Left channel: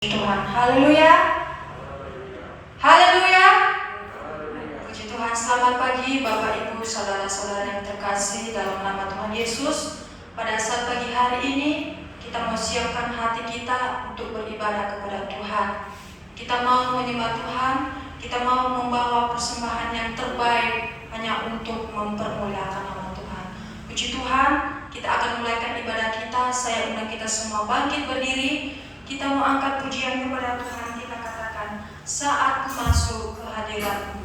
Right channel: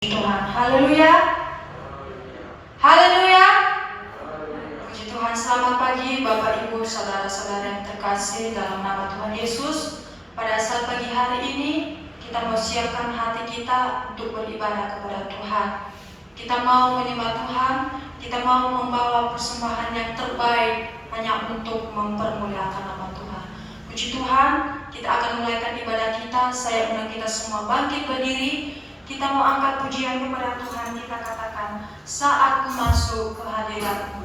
Tuhan, haleluya, haleluya. Puji Tuhan, selamat pagi Bapak Ibu, saudara-saudara yang terkasih dalam nama Tuhan Yesus. Pada saat pagi hari ini, kita mau siapkan hati kita untuk beribadah kepada Tuhan. Kita mau menyembah Tuhan, kita mau membawa persembahan yang terbaik hanya untuk mempermuliakan nama Tuhan. Puji Tuhan, kita akan mulaikan ibadah kita. Saya undang kita semua bangkit berdiri. Kita mau angkat pujian kepada Tuhan. Kita katakan, saat masuk ke hadirat-Mu.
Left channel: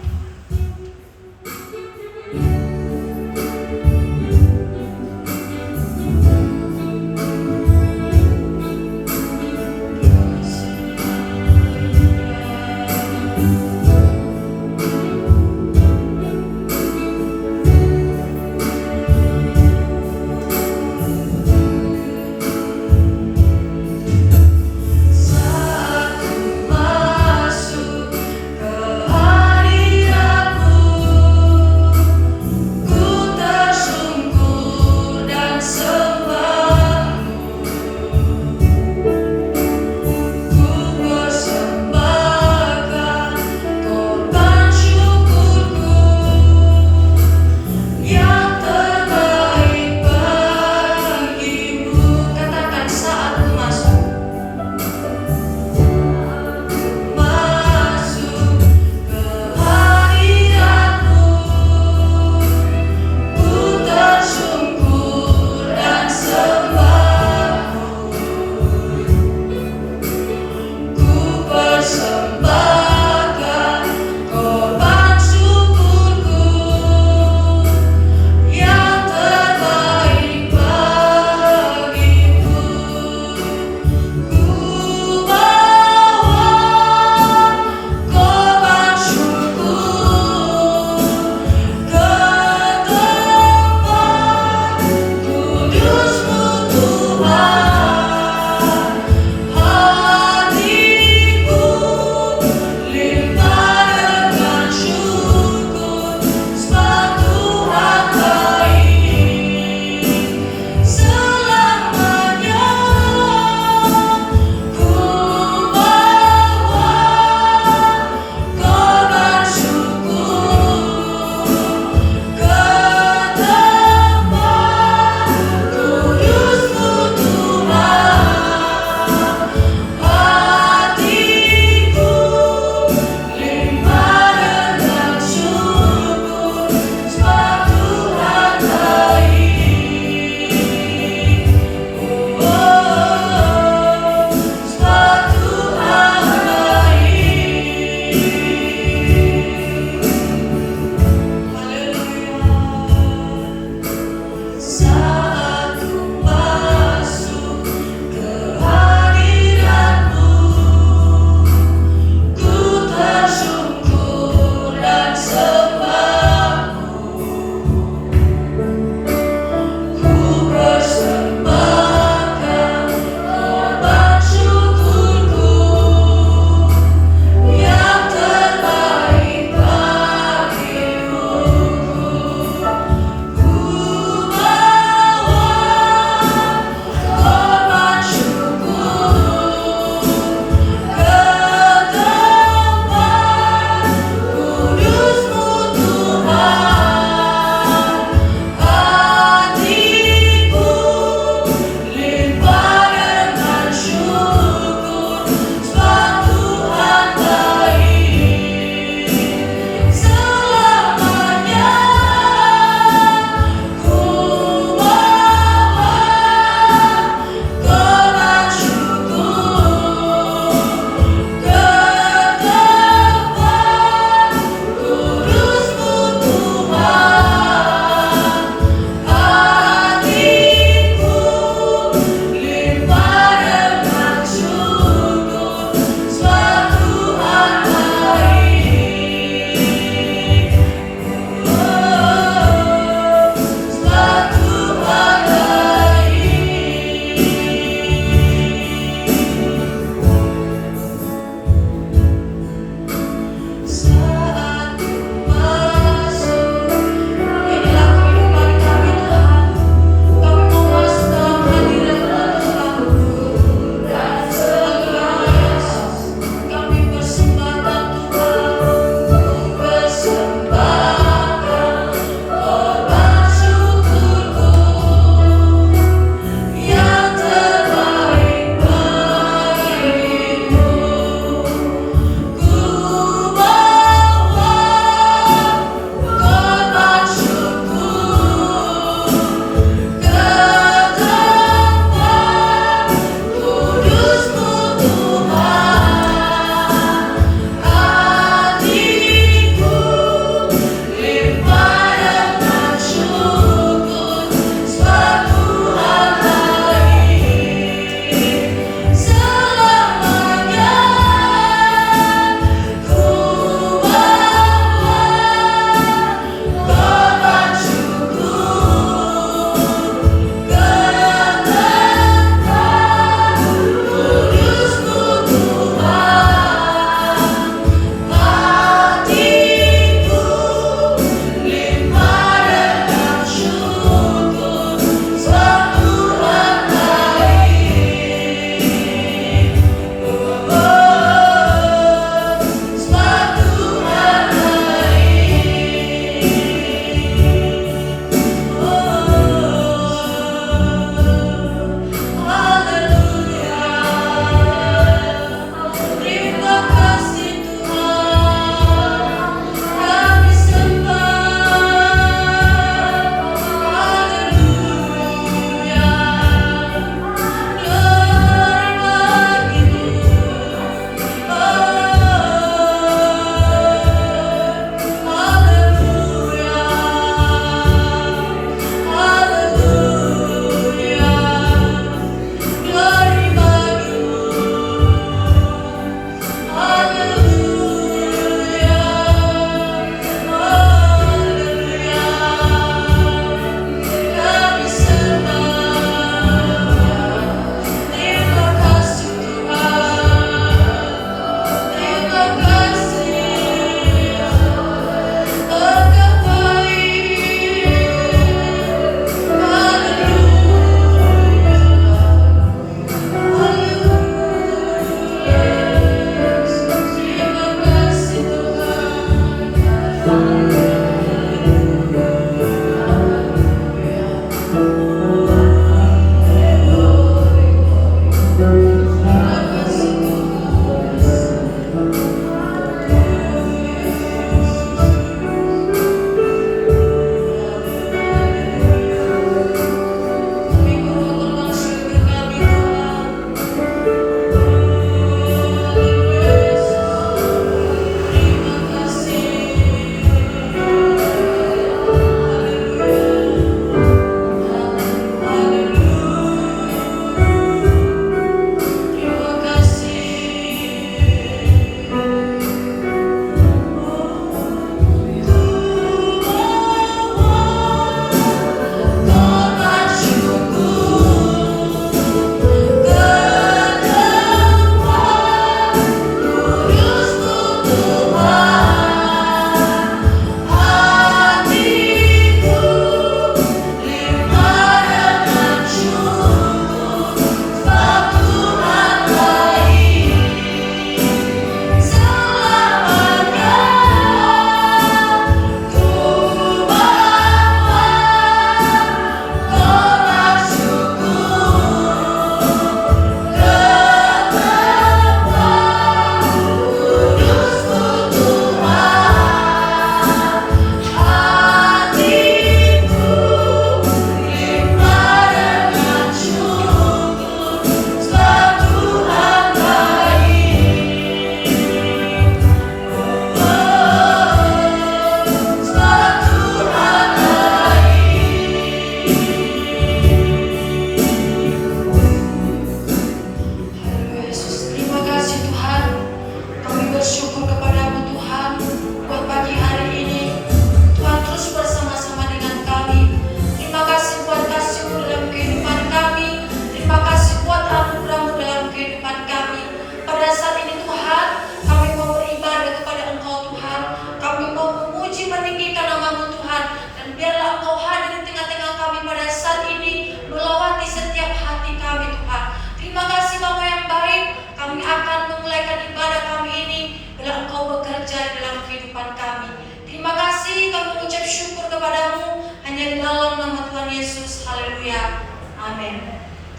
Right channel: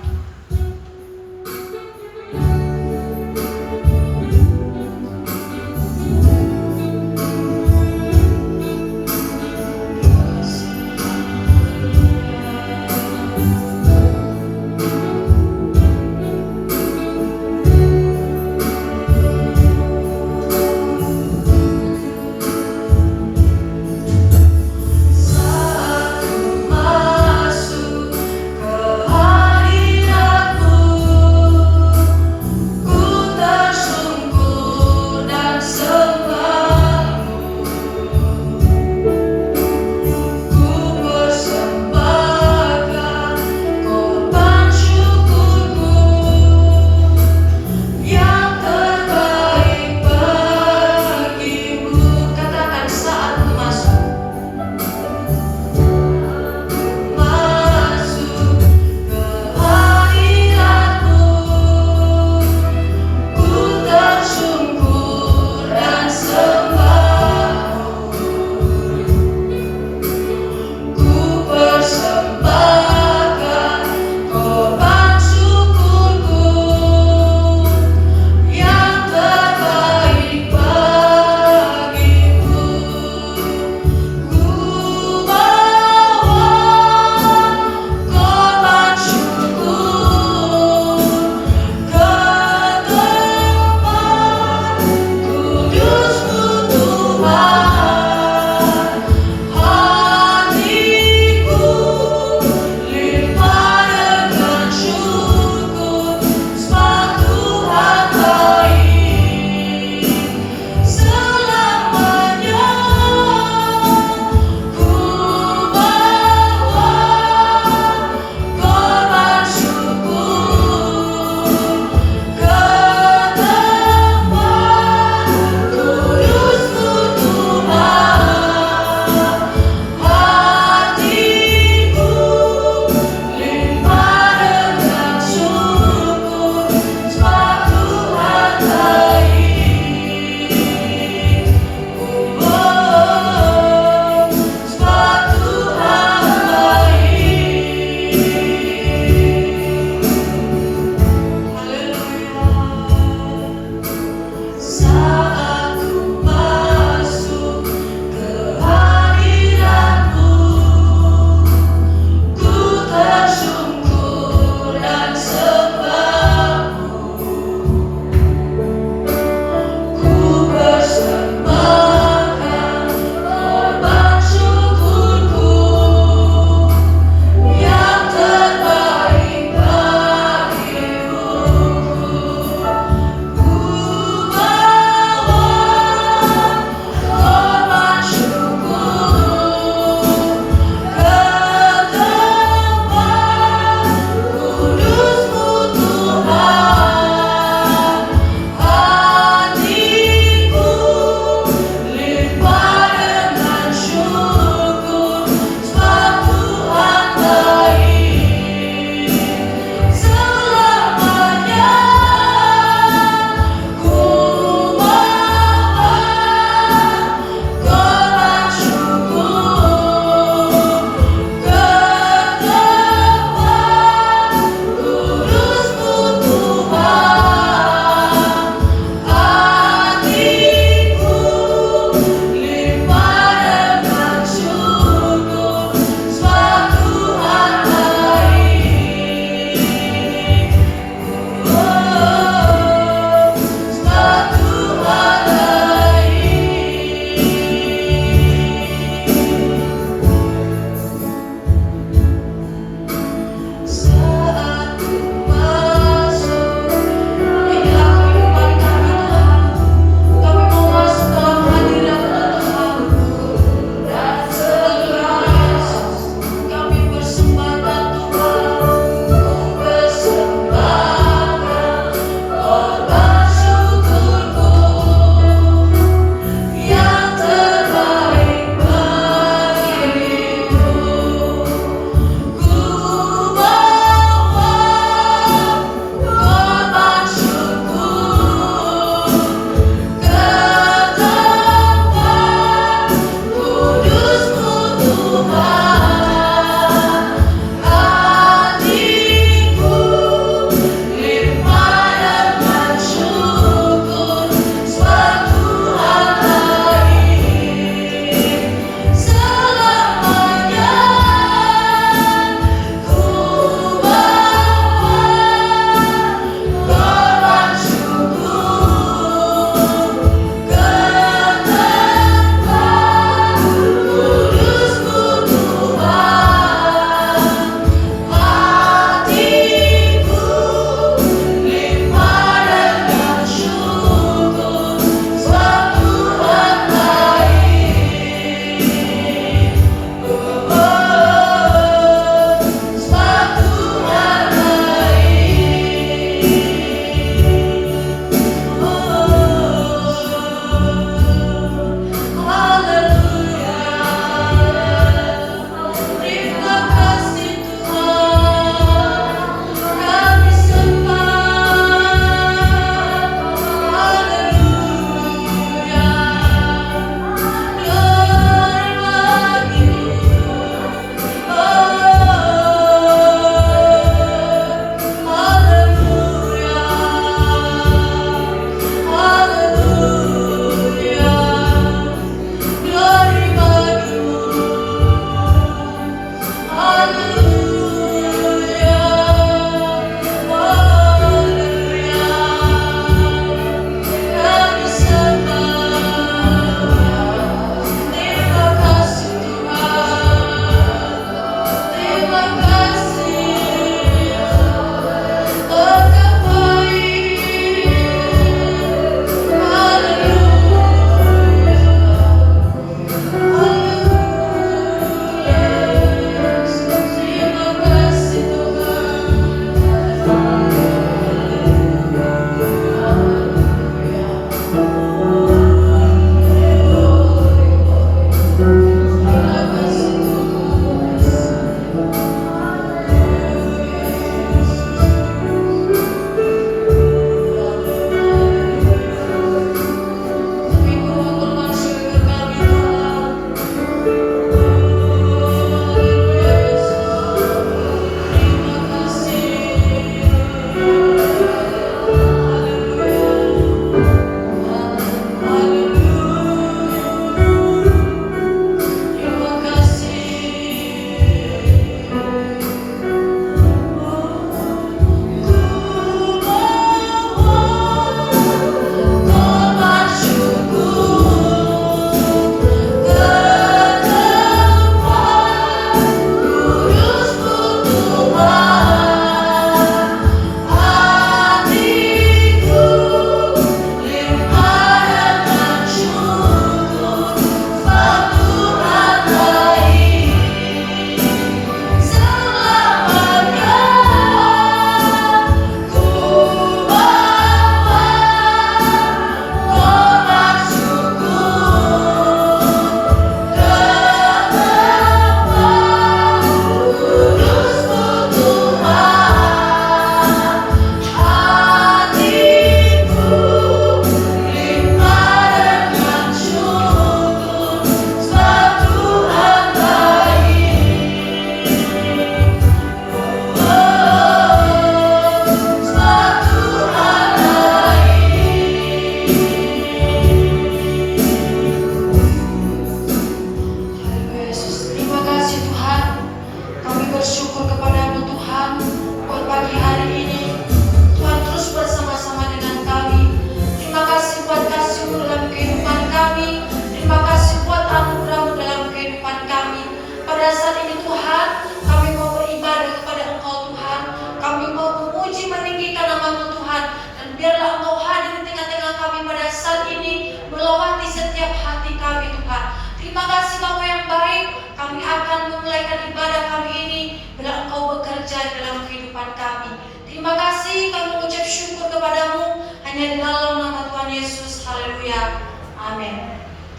Masuk ke hadirat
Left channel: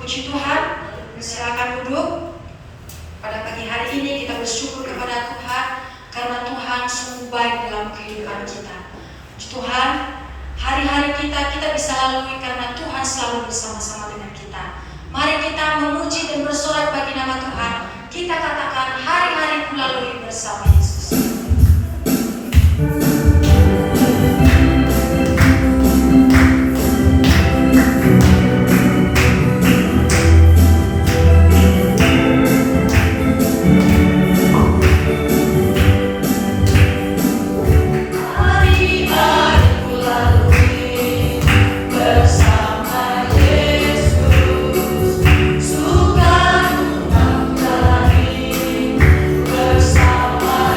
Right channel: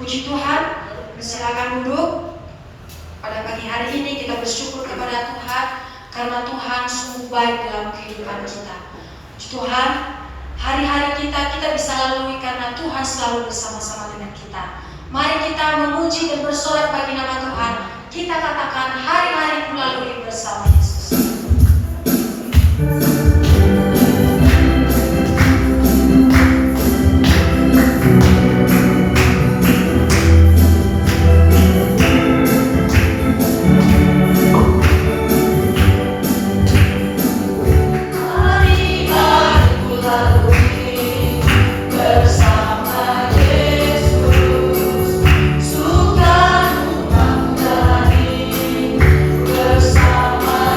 Puji Tuhan, silakan duduk. Pada pagi hari ini kita bersyukur kepada Tuhan karena Tuhan sungguh baik dalam kehidupan kita. Puji Tuhan, hari-hari kita bisa lalui karena Tuhan selalu bersama-sama dengan kita. Mari kita memuji dan bersolat bagi nama Tuhan. kita katakan hari-hari melalui bersama Yesus. Bersama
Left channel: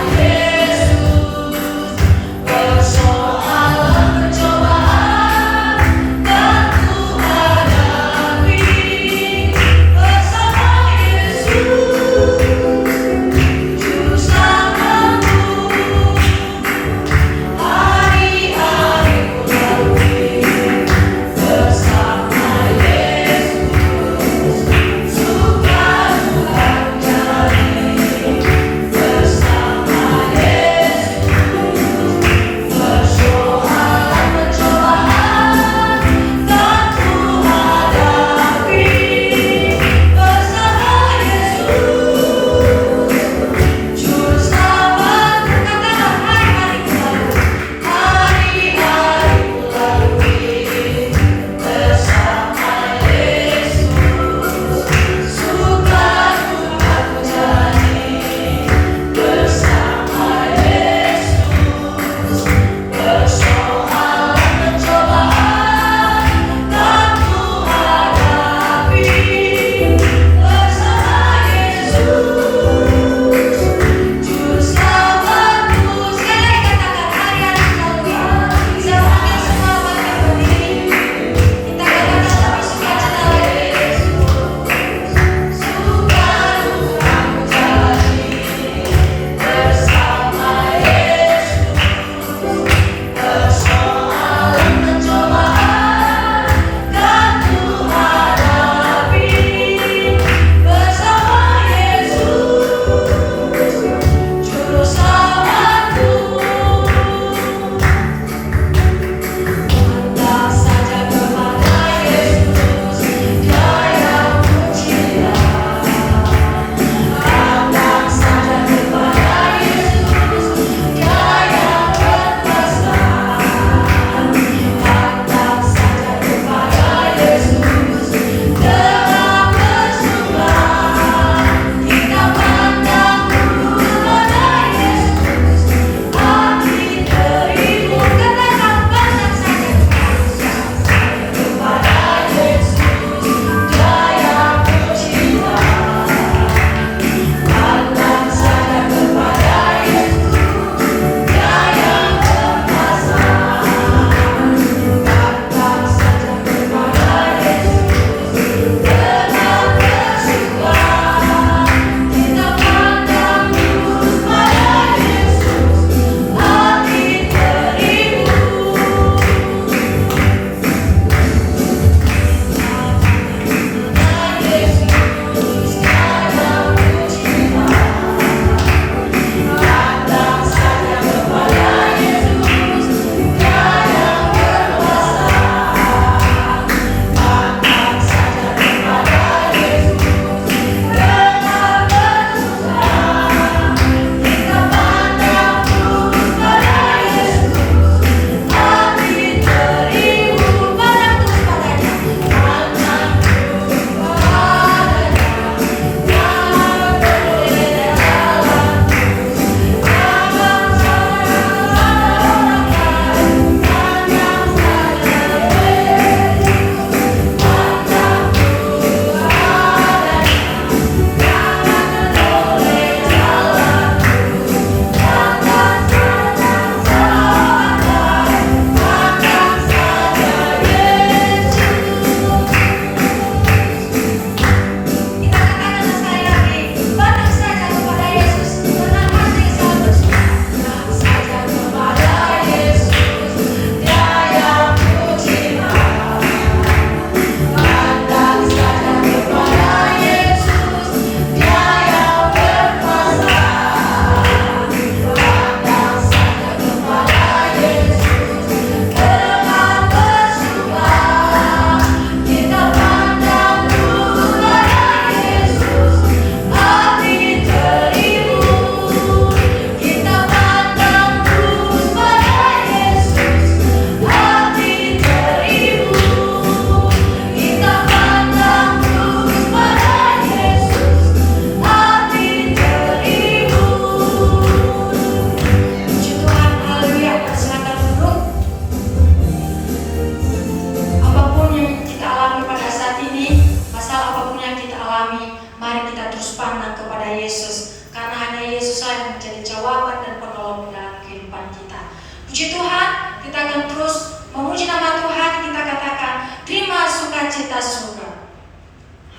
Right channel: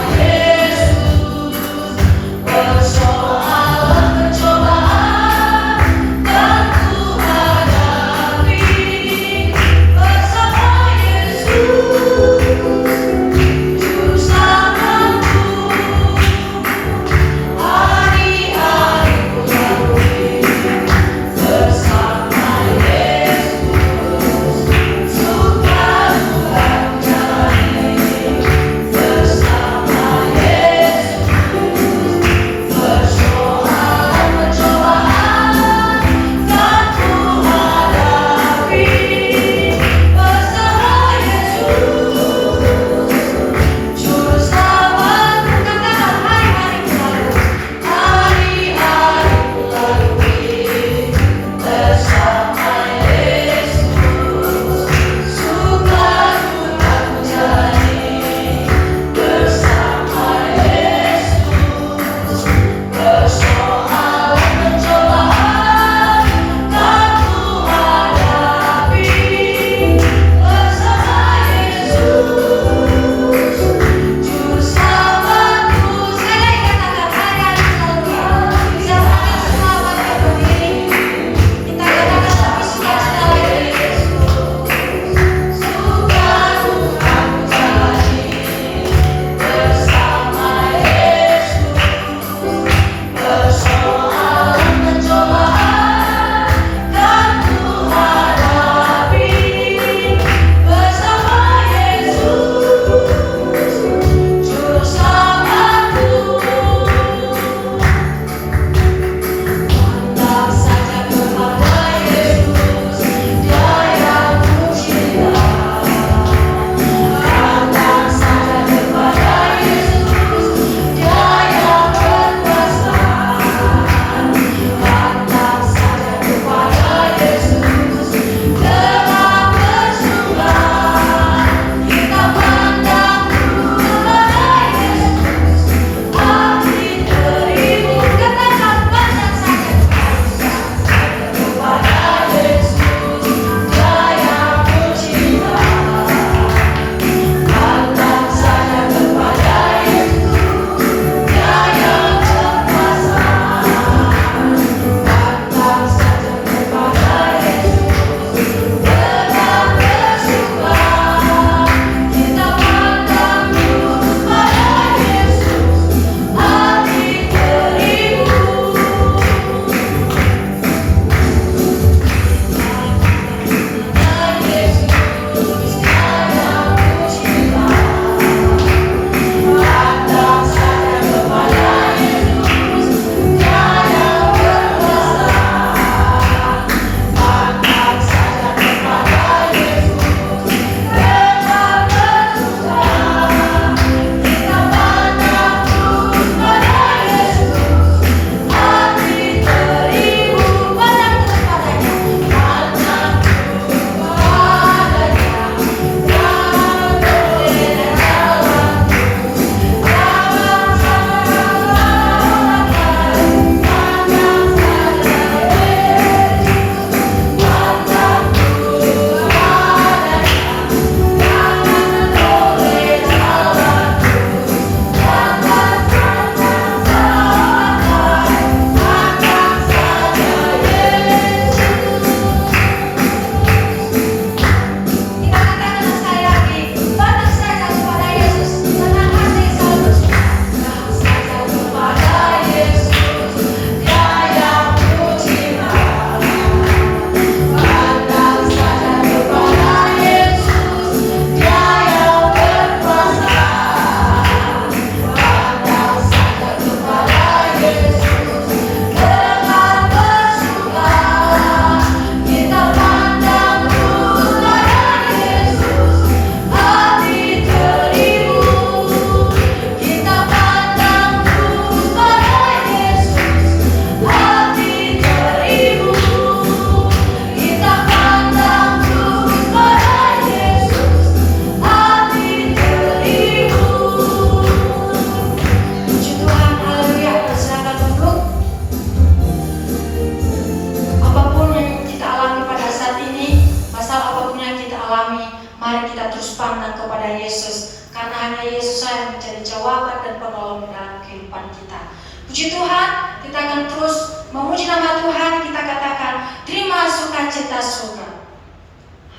hanya Yesus yang menjadi jawaban dan penolong dalam kehidupan kita. Puji Tuhan, kita akan terus memuji nama Tuhan, kita katakan terima sukacita surga.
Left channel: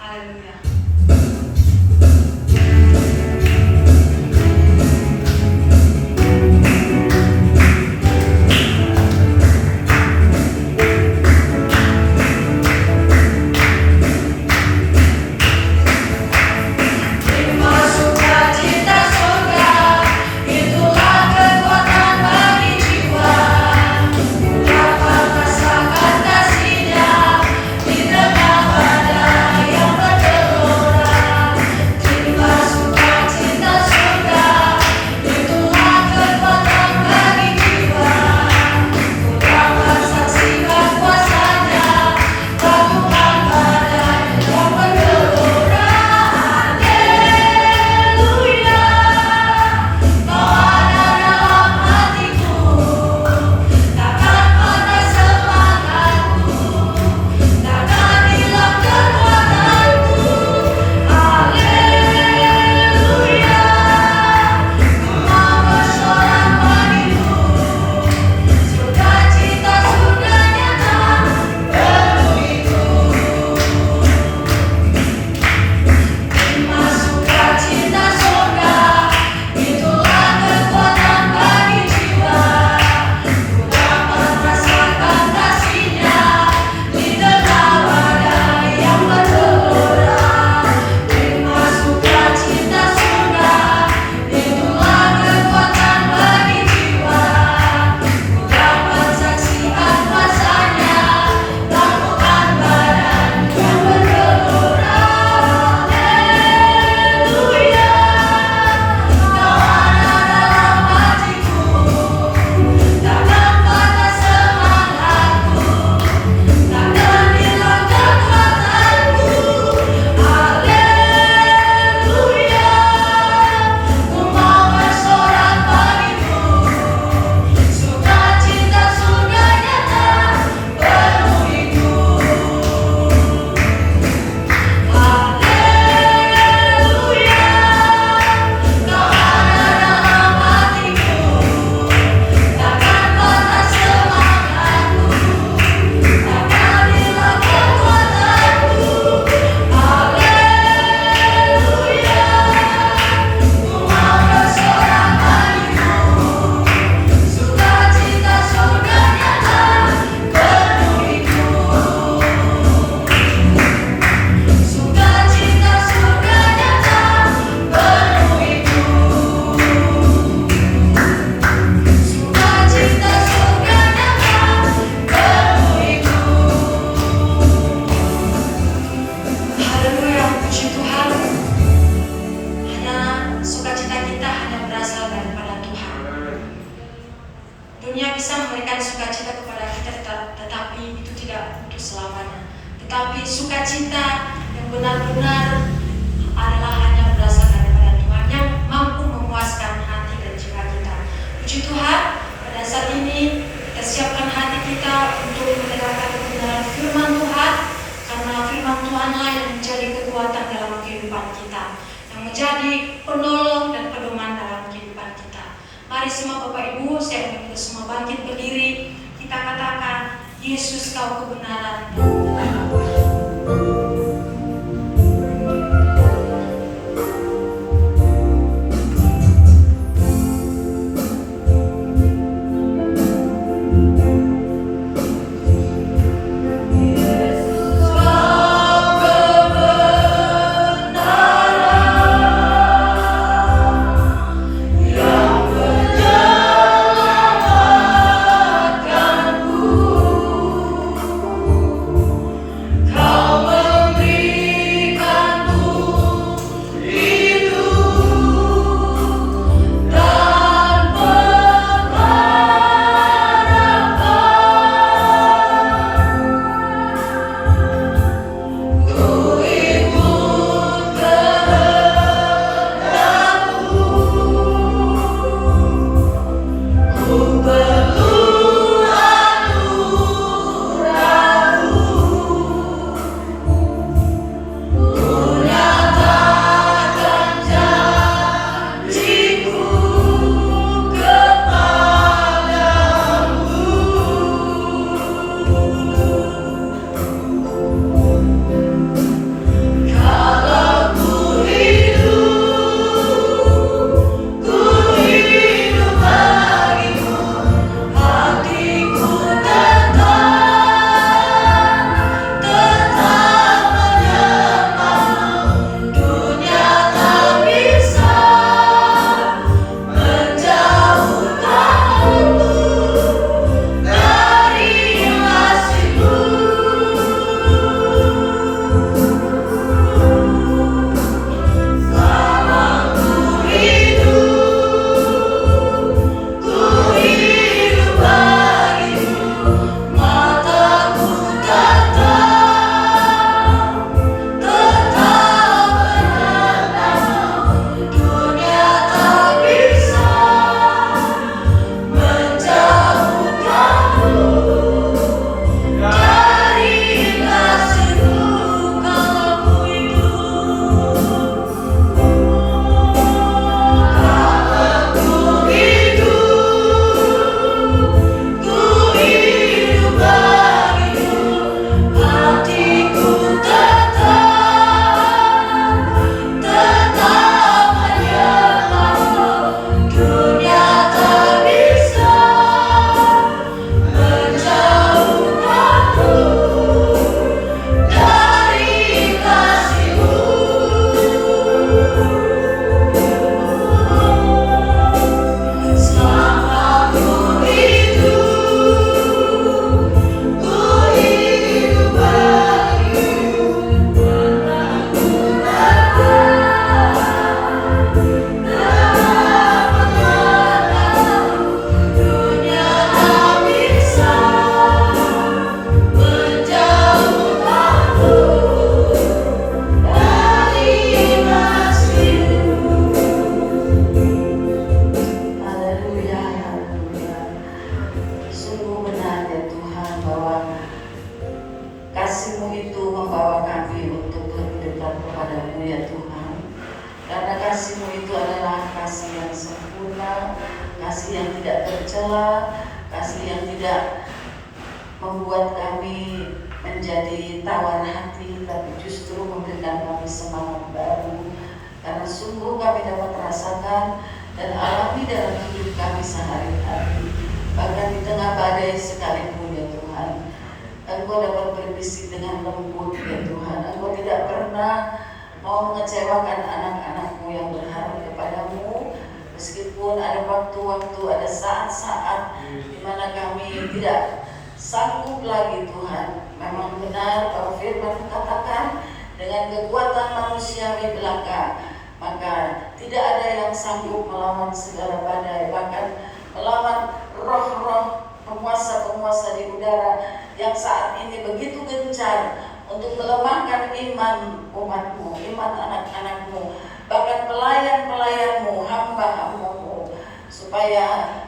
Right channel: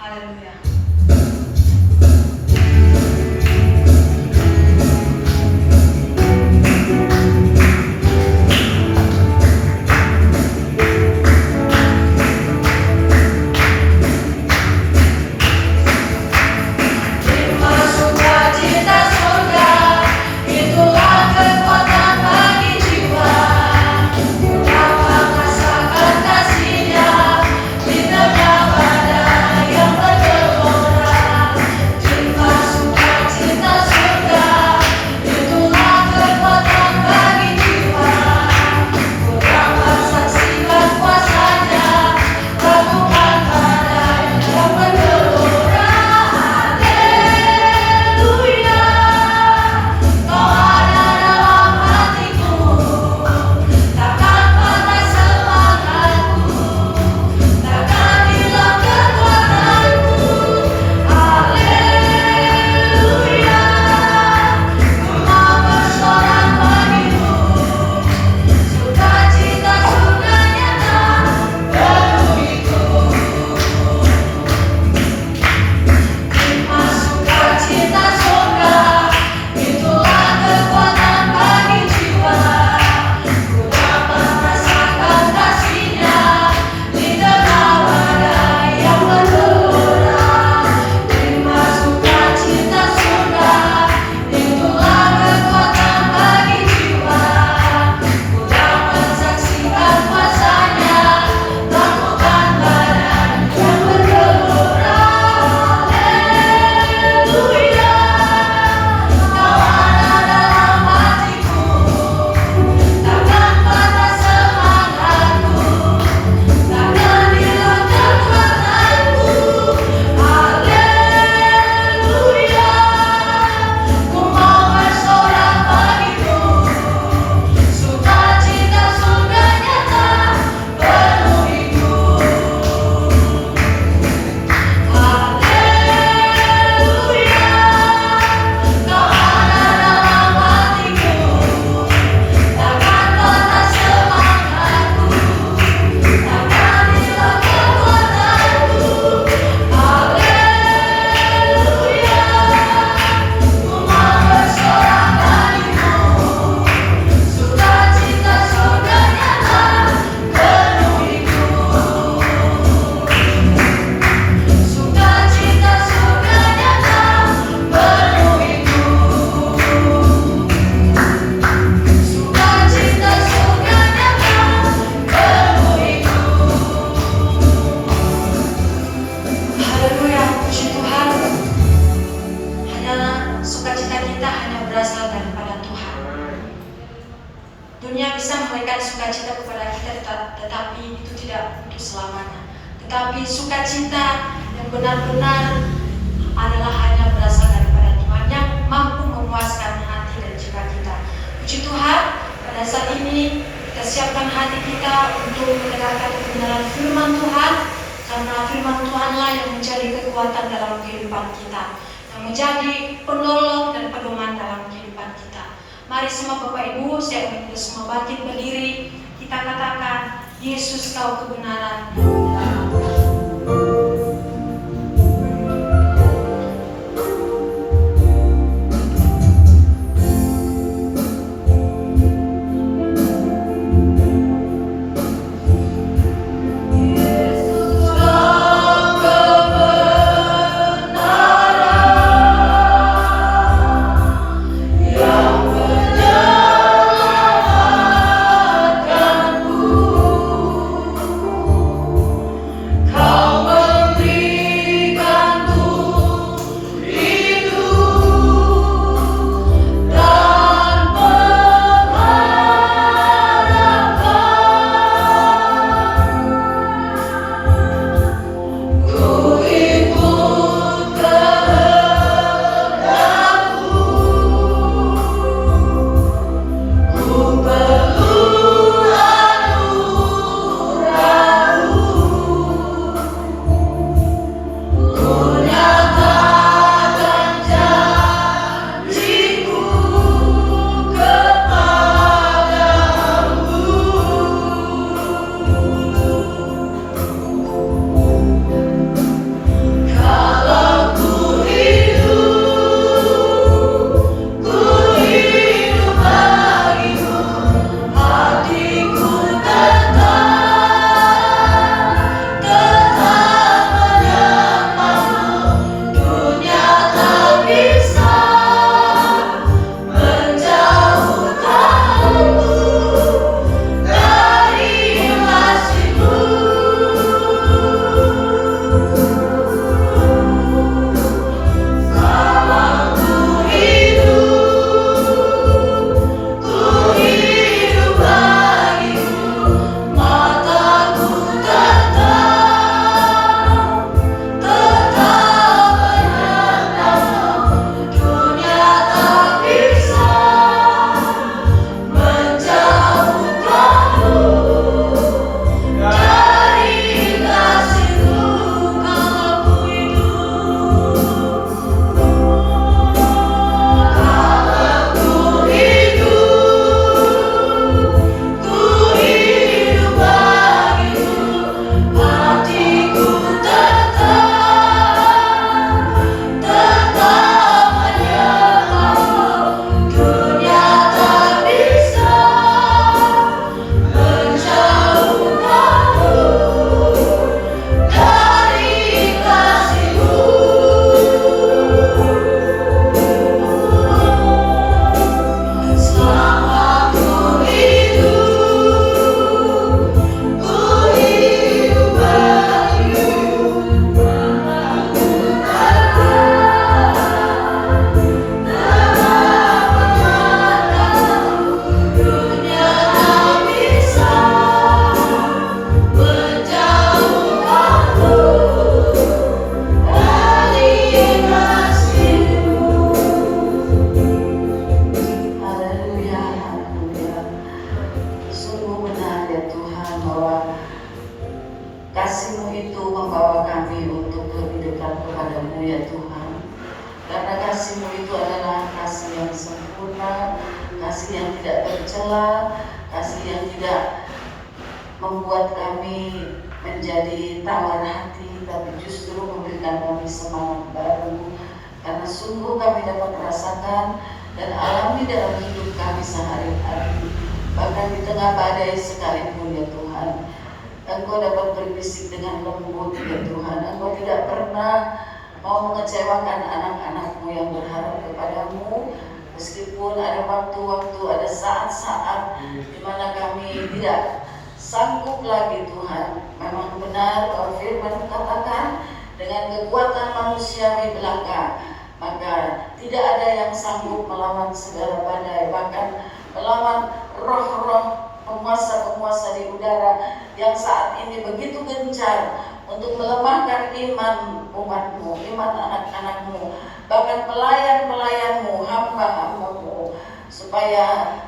Haleluya. Dunia bisa memberikan sukacita kepada kita, tetapi itu tidak untuk selamanya. Tetapi sukacita yang benar-benar adalah hanya berasal daripada Tuhan yang mampu memuaskan hati dan jiwa kita. Puji Tuhan, pada saat ini kita siapkan hati kita untuk mendengarkan kebenaran firman Tuhan, karena firman Tuhanlah yang menjadi kekuatan dalam kehidupan kita, yang menjadi penolong dan pedoman dalam kehidupan kita. Mari semua Bapak Ibu, saya ingin kita semua bangkit berdiri. Kita katakan, Yesus kau kebenaran. Kau tercela, kasih yang tidak membuat kami menjadi tawar hati, tapi justru memberikan kami semangat baru. Karena sungguh kami dapat merasakan dan alami dalam hidup kami sehari-hari, bahkan di tengah badai sekalipun ya Tuhan, Engkau dapat berbisik dengan lembut ya Tuhan. Engkau tidak pernah mau mengecewakan anak-anak-Mu yang berharap kepadamu, meskipun ada waktu-waktu, ada saat-saat di mana kami tidak sanggup lagi Tuhan. Memang benar kalau firman katakan, dengan kekuatan manusiawi belaka, maka tidak ada yang sanggup melawan segala badai, bahkan melawan roh-roh penguasa-penguasa di udara yang saat ini begitu gencar untuk melemahkan iman umat-Mu, iman anak-anak-Mu, bahkan pelayan-pelayan-Mu, hamba-hamba-Mu, supaya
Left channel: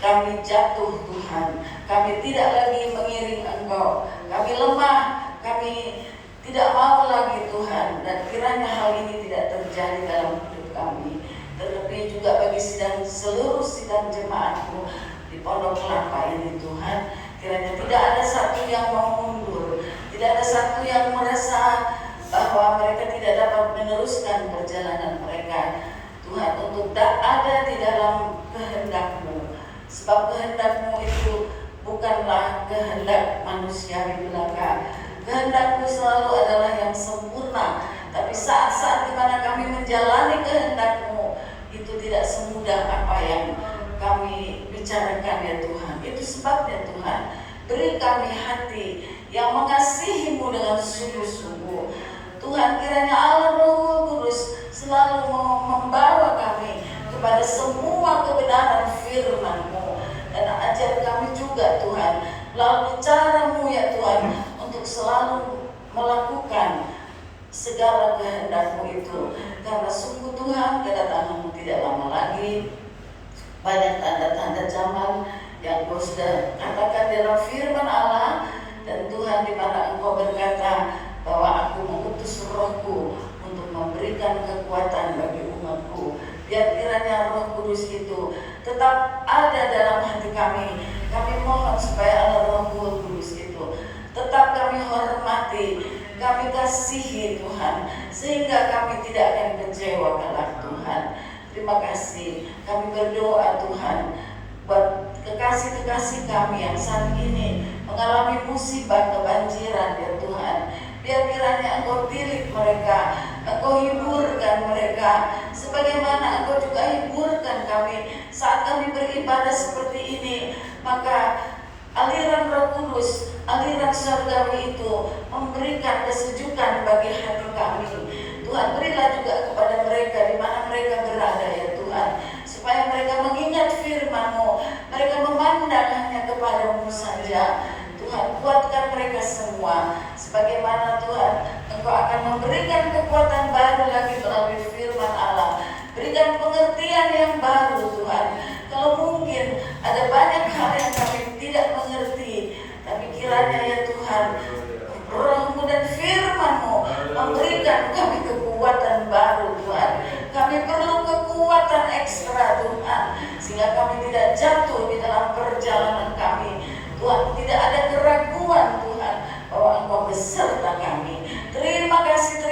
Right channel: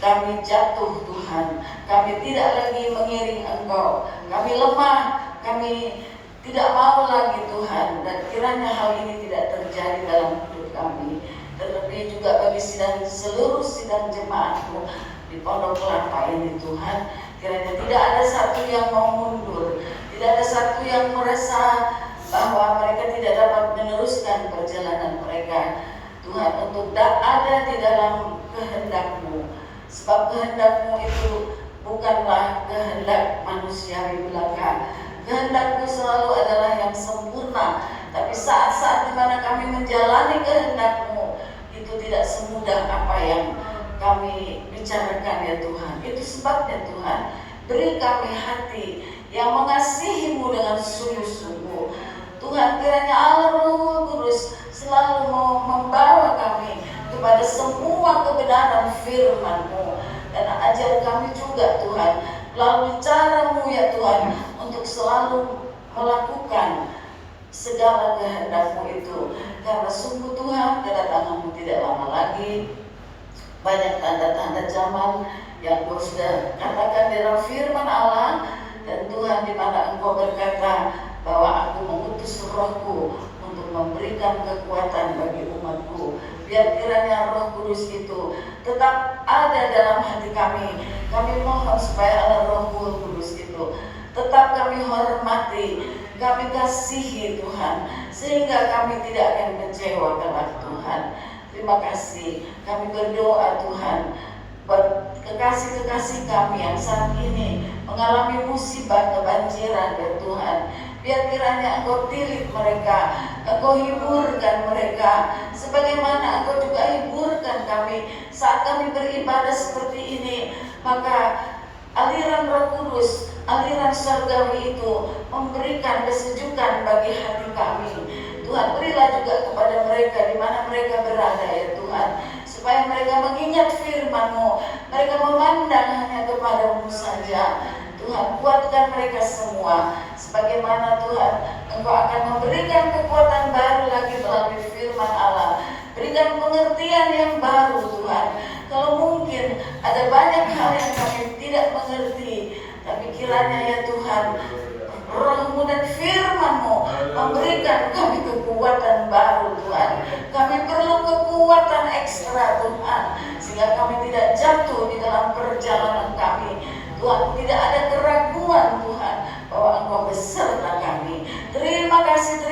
kami jatuh Tuhan. Kami tidak lagi mengiring Engkau, kami lemah, kami tidak mau lagi Tuhan, dan kiranya hal ini tidak terjadi dalam hidup kami. Terlebih juga bagi seluruh sidang jemaat-Mu di Pondok Kelapa ini Tuhan, kiranya tidak ada satu yang mau mundur, tidak ada satu yang merasa bahwa mereka tidak dapat meneruskan perjalanan mereka Tuhan, untuk ada di dalam kehendak-Mu. Sebab kehendak-Mu itu bukanlah kehendak manusiawi belaka. Kehendak-Mu selalu adalah yang sempurna. Tapi saat-saat di mana kami menjalani kehendak-Mu, itu tidak semudah apa yang kami bicarakan ya Tuhan. Itu sebabnya Tuhan, beri kami hati yang mengasihi-Mu dengan sungguh-sungguh. Tuhan, kiranya Allah Roh Kudus selalu membawa kami kepada semua kebenaran firman-Mu, dan ajar kami juga Tuhan melalui cara-Mu ya Tuhan, untuk selalu melakukan segala kehendak-Mu itu. Karena sungguh Tuhan, kedatangan-Mu tidak lama lagi. Banyak tanda-tanda zaman yang Kau sudah katakan dalam firman Allah. Dan Tuhan, di mana Engkau berkata bahwa Aku mengutus Roh-Ku untuk memberikan kekuatan bagi umat-Ku. Biar kiranya Roh Kudus itu tetap ada dalam hati kami. Kami mohon supaya Allah Roh Kudus itu tetap kami hormati, kami kasihi Tuhan, sehingga kami tidak akan kecewa kepada Tuhan. Terima kasih. Kami berdoa Tuhan buat kekasih-kekasih kami yang saat ini mengalami musibah kebanjiran ya Tuhan. Biar kiranya Engkau tilik mereka, Engkau hiburkan mereka, sebagaimana Engkau juga hiburkan kami saat kami beribadah seperti ini. Maka aliran Roh Kudus, aliran surgawi itu memberikan kesejukan bagi hati kami. Tuhan, berilah juga kepada mereka di mana mereka berada ya Tuhan, supaya mereka mengingat firman-Mu, mereka memandang hanya kepada-Mu saja. Tuhan, kuatkan mereka semua, sebagaimana Tuhan Engkau akan memberikan kekuatan baru lagi melalui firman Allah. Berikan pengertian yang baru Tuhan. Kalau mungkin ada banyak hal yang kami tidak mengerti, tapi kiranya ya Tuhan, Roh-Mu dan firman-Mu memberikan kami kekuatan baru Tuhan. Kami perlu kekuatan ekstra Tuhan, sehingga kami tidak jatuh di dalam perjalanan kami. Tuhan, tidak ada keraguan Tuhan bahwa Engkau beserta kami. Terima kasih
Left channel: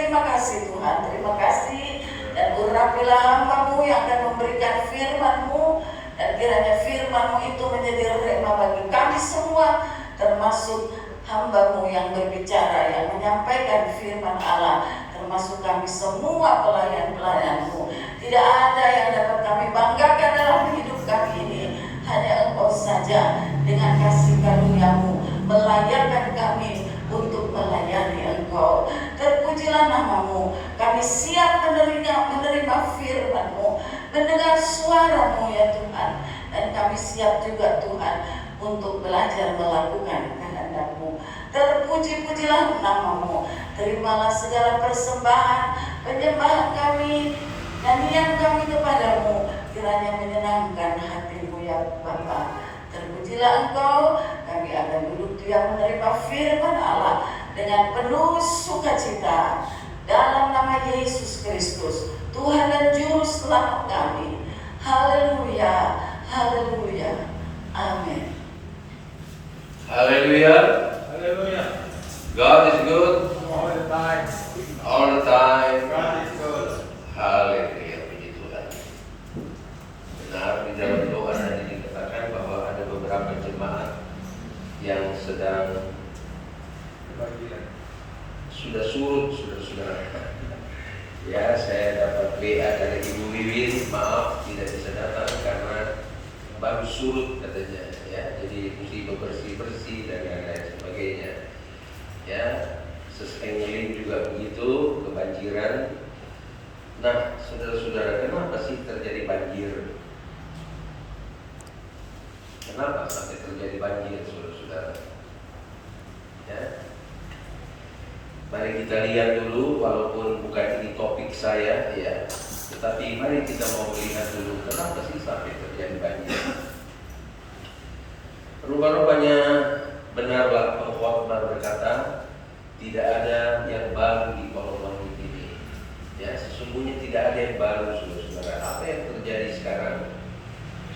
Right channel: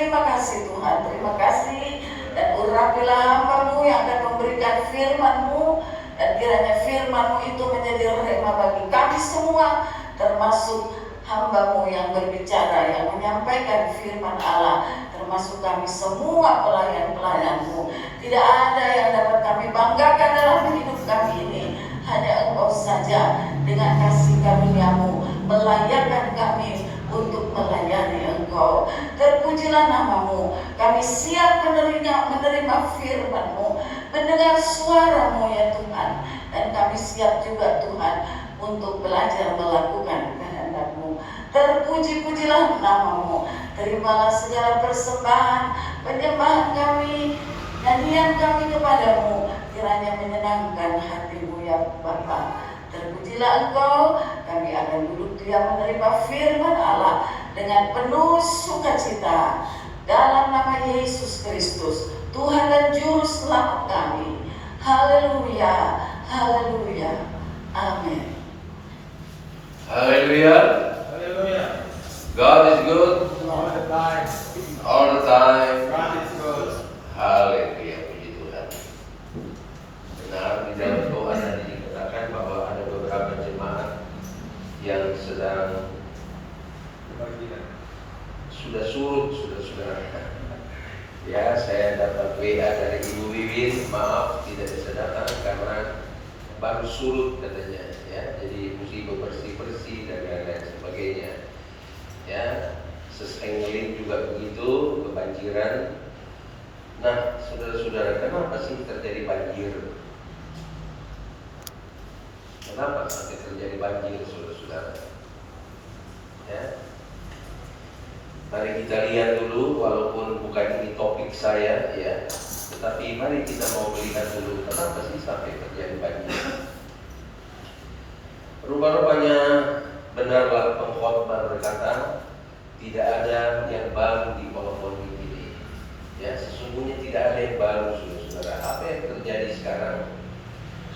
Tuhan, terima kasih. Dan urapilah hamba-Mu yang akan memberikan firman-Mu, dan kiranya firman-Mu itu menjadi rema bagi kami semua, termasuk hamba-Mu yang berbicara, yang menyampaikan firman Allah, termasuk kami semua pelayan-pelayan-Mu. Tidak ada yang dapat kami banggakan dalam hidup kami ini, hanya Engkau saja dengan kasih karunia-Mu melayakkan kami untuk melayani Engkau. Terpujilah nama-Mu. Kami siap menerima firman-Mu, mendengar suara-Mu ya Tuhan, dan kami siap juga Tuhan untuk belajar melakukan kehendak-Mu. Terpuji-pujilah nama-Mu. Terimalah segala persembahan penyembahan kami, nyanyian kami kepada-Mu, kiranya menyenangkan hati-Mu ya Bapa. Terpujilah Engkau. Kami akan duduk diam menerima firman Allah dengan penuh sukacita, dalam nama Yesus Kristus, Tuhan dan Juru Selamat kami. Haleluya, Haleluya. Amin. Hallelujah. Hallelujah. God is good All the time. all the time. God is good. Haleluya, puji Tuhan. Benar di dalam doa tadi dikatakan bahwa ada beberapa jemaat yang sedang Kebajikan. sudah surut, saudara. Ya, saya dapat WA dari Ibu Wiwin, maaf tidak bisa datang karena baru surut katanya, ya. Jadi mesti bersih-bersih dan lain-lain sebagainya. Ya, Sesengling juga begitu, kebanjiran. Nah, saudara-saudara, kenapa sih terjadi banjir? Kenapa sampai terjadi banjir, saudara-saudara? Ya. Mari kita lihat dulu, walaupun bukan ini topik saya, ya, tetapi mari kita mau melihat dulu kenapa sih sampai terjadi banjir. Rupa-rupanya benarlah pengkhotbah berkata, tidak ada yang baru di kolom ini. Ya, sesungguhnya tidak ada yang baru, saudara-saudara. Apa yang terjadi sekarang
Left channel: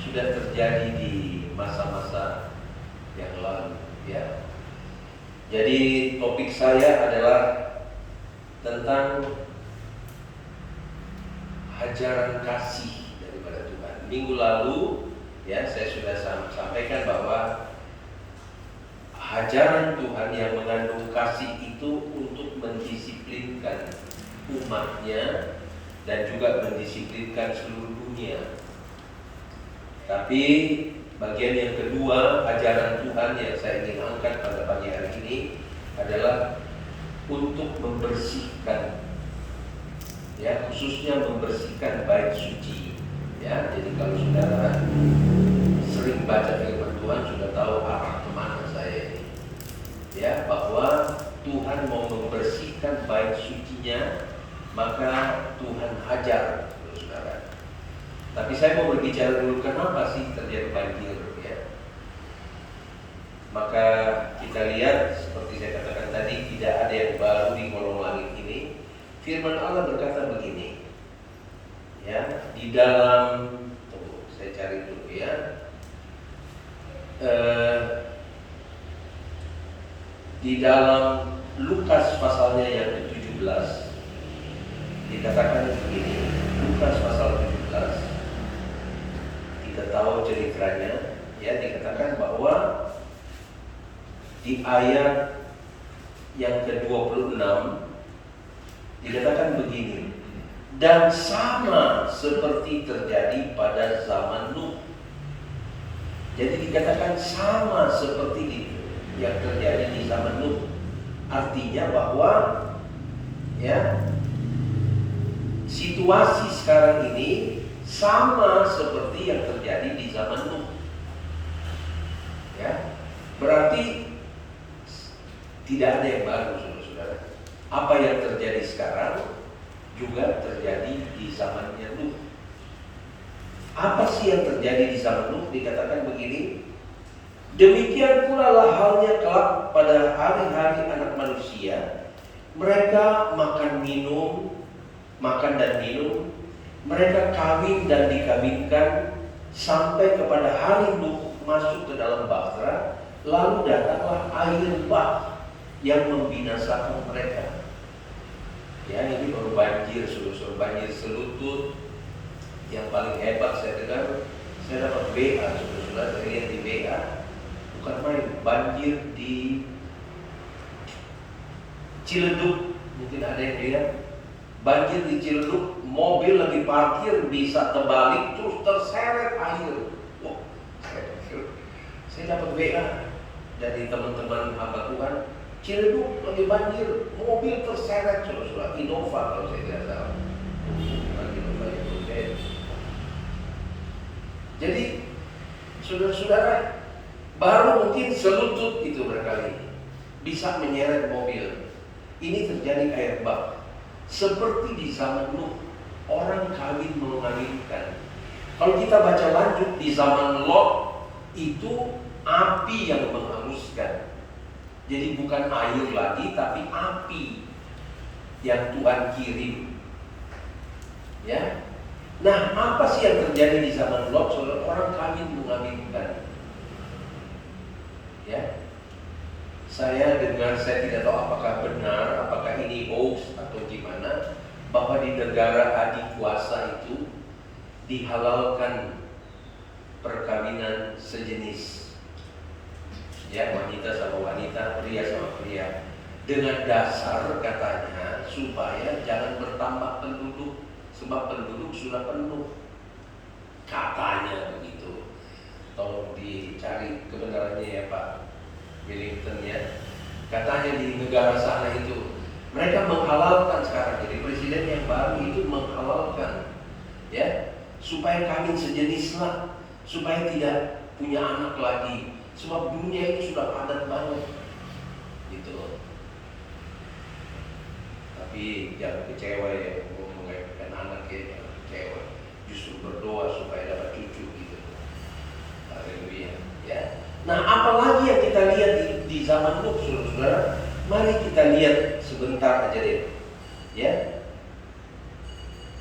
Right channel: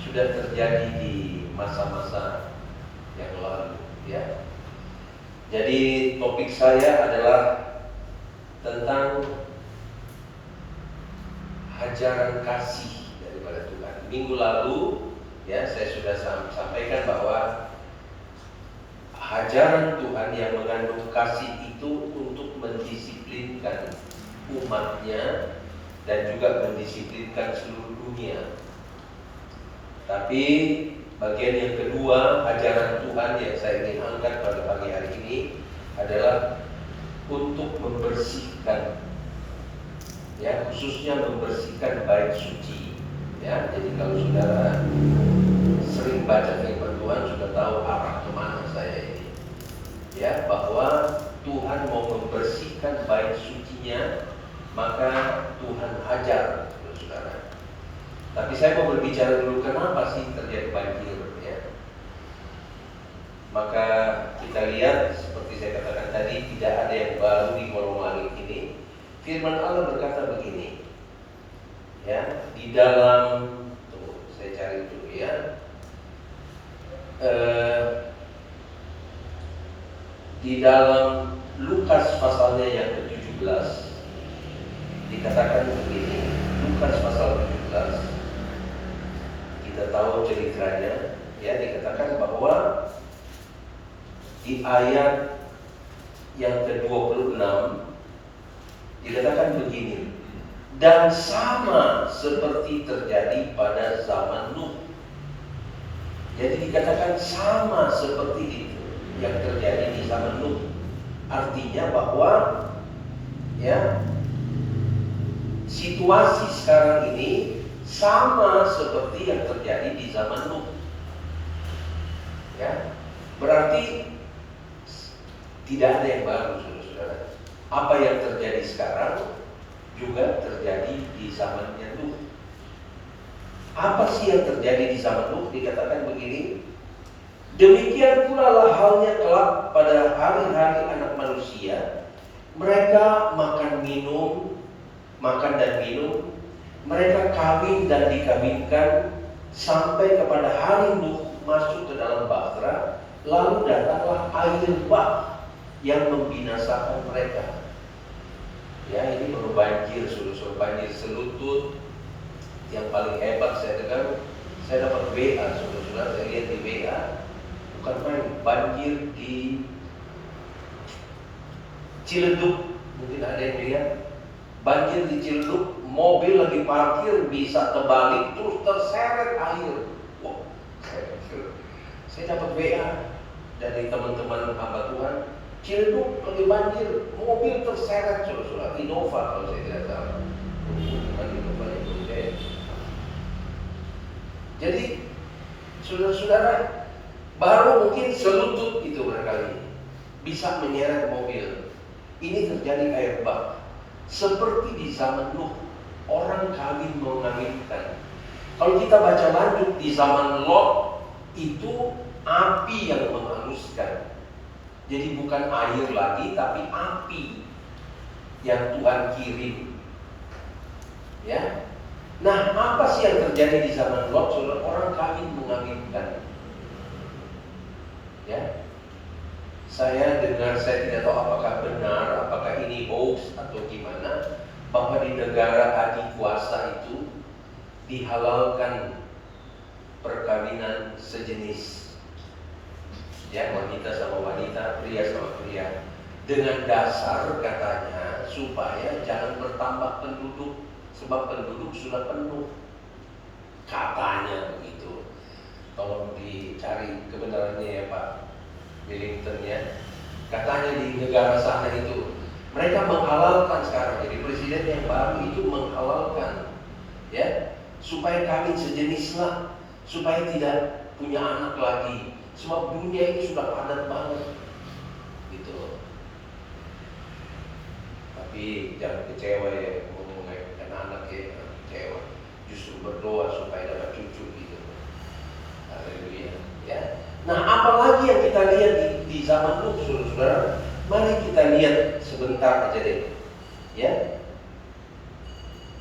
sudah terjadi di masa-masa yang lalu, ya. Jadi topik saya adalah tentang hajaran kasih daripada Tuhan. Minggu lalu, ya, saya sudah sampaikan bahwa hajaran Tuhan yang mengandung kasih itu untuk mendisiplinkan umatnya dan juga mendisiplinkan seluruh dunia. Tapi bagian yang kedua, ajaran Tuhan yang saya ingin angkat pada pagi hari ini adalah untuk membersihkan, ya, khususnya membersihkan bait suci. Ya, jadi kalau saudara sering baca firman Tuhan sudah tahu arah kemana saya ini. Ya, bahwa Tuhan mau membersihkan bait sucinya, maka Tuhan hajar, saudara. Tapi saya mau berbicara dulu kenapa sih terjadi banjir, ya. Maka kita lihat seperti saya katakan tadi, tidak ada yang baru di kolong langit ini. Firman Allah berkata begini, ya, di dalam, saya cari dulu, ya, di dalam Lukas pasalnya yang ke-17 dikatakan begini. Lukas pasal 17, kita tahu ceritanya, ya, dikatakan bahwa di ayat yang ke-26 dikatakan begini, dan sama seperti terjadi pada zaman Nuh. Jadi dikatakan sama seperti itu yang terjadi di zaman Nuh. Artinya bahwa, ya, situasi sekarang ini sama seperti yang terjadi di zaman Nuh. Ya, berarti tidak ada yang baru, saudara-saudara. Apa yang terjadi sekarang juga terjadi di zamannya Nuh. Apa sih yang terjadi di zaman Nuh? Dikatakan begini, demikian pula lah halnya kelak pada hari-hari anak manusia. Mereka makan dan minum, mereka kawin dan dikawinkan, sampai kepada hari Nuh masuk ke dalam bahtera, lalu datanglah air bah yang membinasakan mereka. Ya, ini baru banjir, banjir selutut. Yang paling hebat saya dengar, saya dapat WA, saudara-saudara, saya lihat di WA, bukan main, banjir di Ciledug, mungkin ada yang lihat. Banjir di Ciledug, mobil lagi parkir bisa terbalik terus terseret air. Wah, saya dapat WA dari teman-teman hamba Tuhan, Ciledug lagi banjir, mobil terseret, saudara-saudara, Innova kalau saya tidak tahu. Jadi saudara-saudara, baru mungkin selutut itu barangkali bisa menyeret mobil. Ini terjadi air bah. Seperti di zaman Nuh, orang kawin mengawinkan. Kalau kita baca lanjut di zaman Lot, itu api yang menghanguskan. Jadi bukan air lagi, tapi api yang Tuhan kirim. Ya. Nah, apa sih yang terjadi di zaman Lot? Saudara, orang kawin mengawinkan. Ya, saya dengar, saya tidak tahu apakah benar, apakah ini hoax atau gimana, bahwa di negara adikuasa itu dihalalkan perkawinan sejenis. Ya, wanita sama wanita, pria sama pria. Dengan dasar katanya supaya jangan bertambah penduduk, sebab penduduk sudah penuh. Katanya begitu. Tolong dicari kebenarannya ya Pak Wellington ya. Katanya di negara sana itu mereka menghalalkan sekarang. Jadi presiden yang baru itu menghalalkan, ya, supaya kawin sejenis lah, supaya tidak punya anak lagi. Sebab dunia ini sudah padat banget, gitu. Tapi jangan kecewa ya, mau melahirkan anak ya, kecewa. Justru berdoa supaya dapat cucu gitu. Haleluya, ya. Nah, apalagi yang kita lihat di zaman Nuh, saudara? Mari kita lihat sebentar aja deh, ya.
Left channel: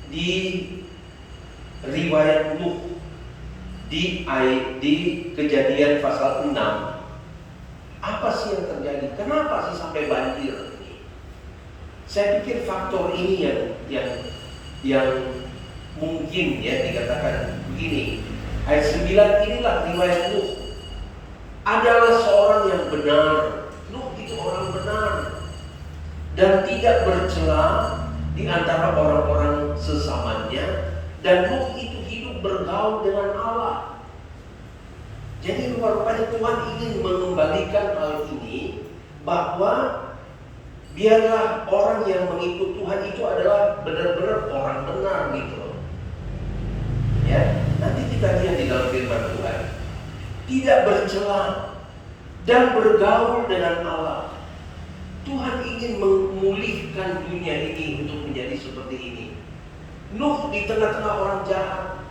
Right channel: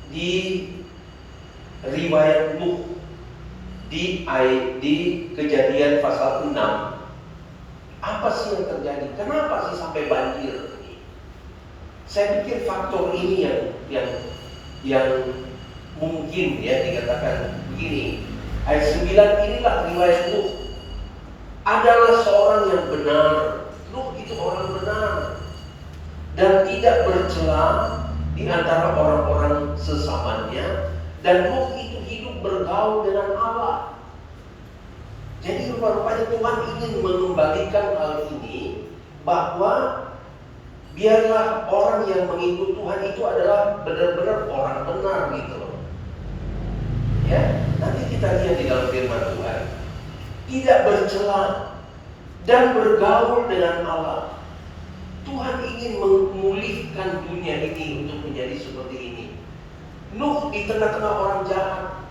Di riwayat Nuh di Kejadian pasal 6, apa sih yang terjadi? Kenapa sih sampai banjir? Saya pikir faktor ini yang mungkin ya dikatakan begini. Ayat 9 inilah riwayat Nuh. Adalah seorang yang benar. Nuh itu orang benar dan tidak bercela di antara orang-orang sesamanya, dan Nuh itu hidup bergaul dengan Allah. Jadi rupanya Tuhan ingin mengembalikan hal ini, bahwa biarlah orang yang mengikut Tuhan itu adalah benar-benar orang benar gitu. Ya, nanti kita lihat di dalam firman Tuhan. Tidak bercela dan bergaul dengan Allah. Tuhan ingin memulihkan dunia ini untuk menjadi seperti ini. Nuh di tengah-tengah orang jahat.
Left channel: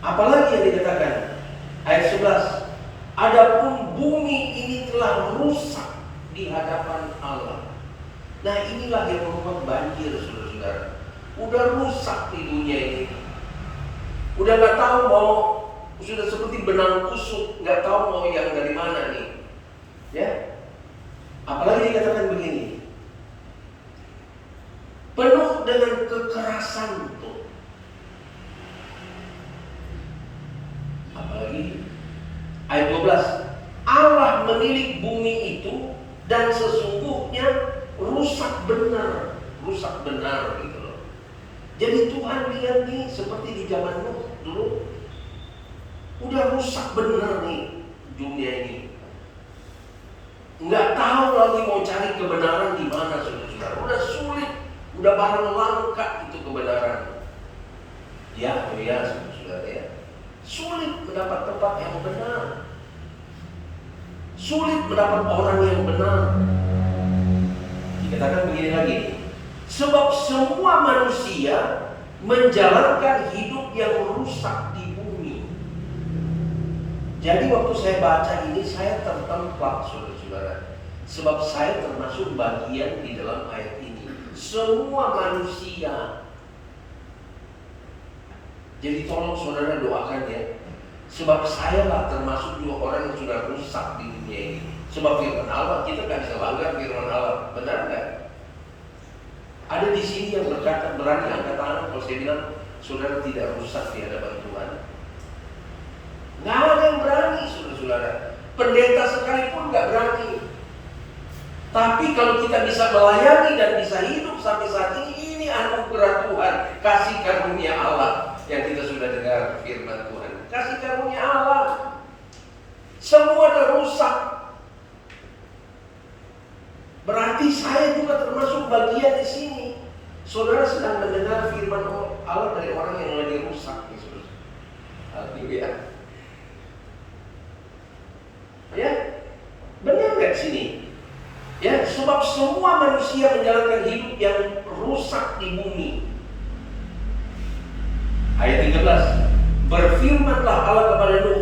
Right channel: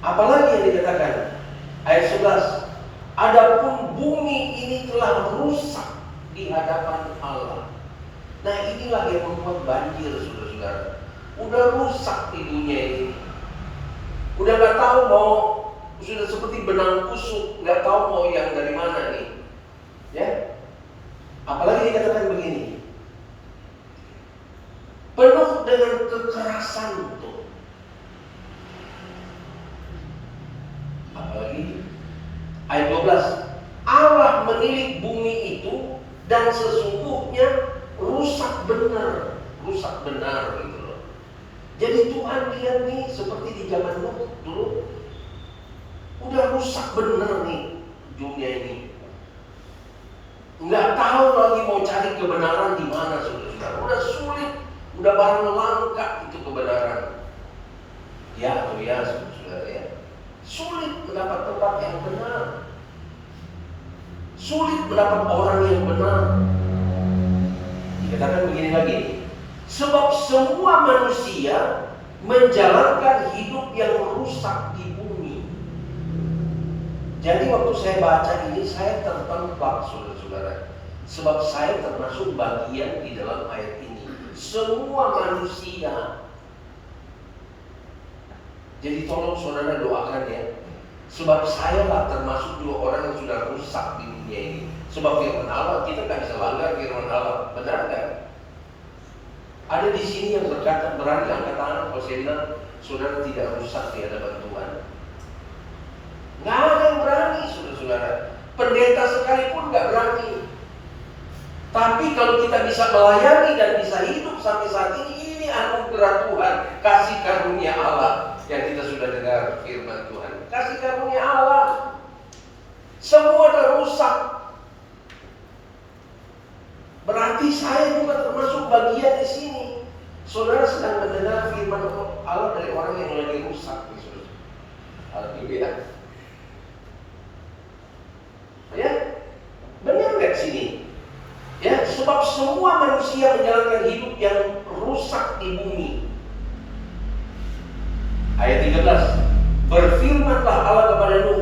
Apalagi yang dikatakan ayat 11, adapun bumi ini telah rusak di hadapan Allah. Nah, inilah yang membuat banjir, saudara-saudara. Udah rusak di dunia ini. Udah gak tahu mau, sudah seperti benang kusut, gak tahu mau yang dari mana nih. Ya, apalagi dikatakan begini, penuh dengan kekerasan tuh. Apalagi ayat 12, Allah menilik bumi itu dan sesungguhnya rusak benar gitu loh. Jadi Tuhan lihat nih seperti di zaman Nuh dulu, udah rusak benar nih dunia ini. Nggak tahu lagi mau cari kebenaran di mana, saudara. Udah sulit, udah barang langka itu kebenaran. Ya, atau ya, saudara ya. Sulit mendapat tempat yang benar. Sulit mendapat orang yang benar. Dikatakan begini lagi, sebab semua manusia menjalankan hidup yang rusak di bumi. Jadi waktu saya baca ini, saya tertempat, saudara-saudara. Sebab saya termasuk bagian di dalam ayat ini. Semua manusia. Jadi tolong saudara doakan ya. Sebab saya lah termasuk dua orang yang sudah rusak di dunia ini. Sebab firman Allah, kita gak bisa langgar firman Allah. Benar gak? Ada di sini yang berkata, berani angkat tangan kalau saya bilang saudara tidak rusak di hadapan Tuhan. Gak ada yang berani, saudara-saudara. Pendeta sekalipun gak berani. Tapi kalau kita bisa melayani dan bisa hidup sampai saat ini anugerah Tuhan, kasih karunia Allah yang kita sudah dengar firman Tuhan. Kasih karunia Allah. Semua sudah rusak. Berarti saya juga termasuk bagian di sini. Saudara sedang mendengar firman Allah dari orang yang lagi rusak. Haleluya. Ya, benar nggak sini? Ya, sebab semua manusia menjalankan hidup yang rusak di bumi. Ayat 13, berfirmanlah Allah kepada Nuh,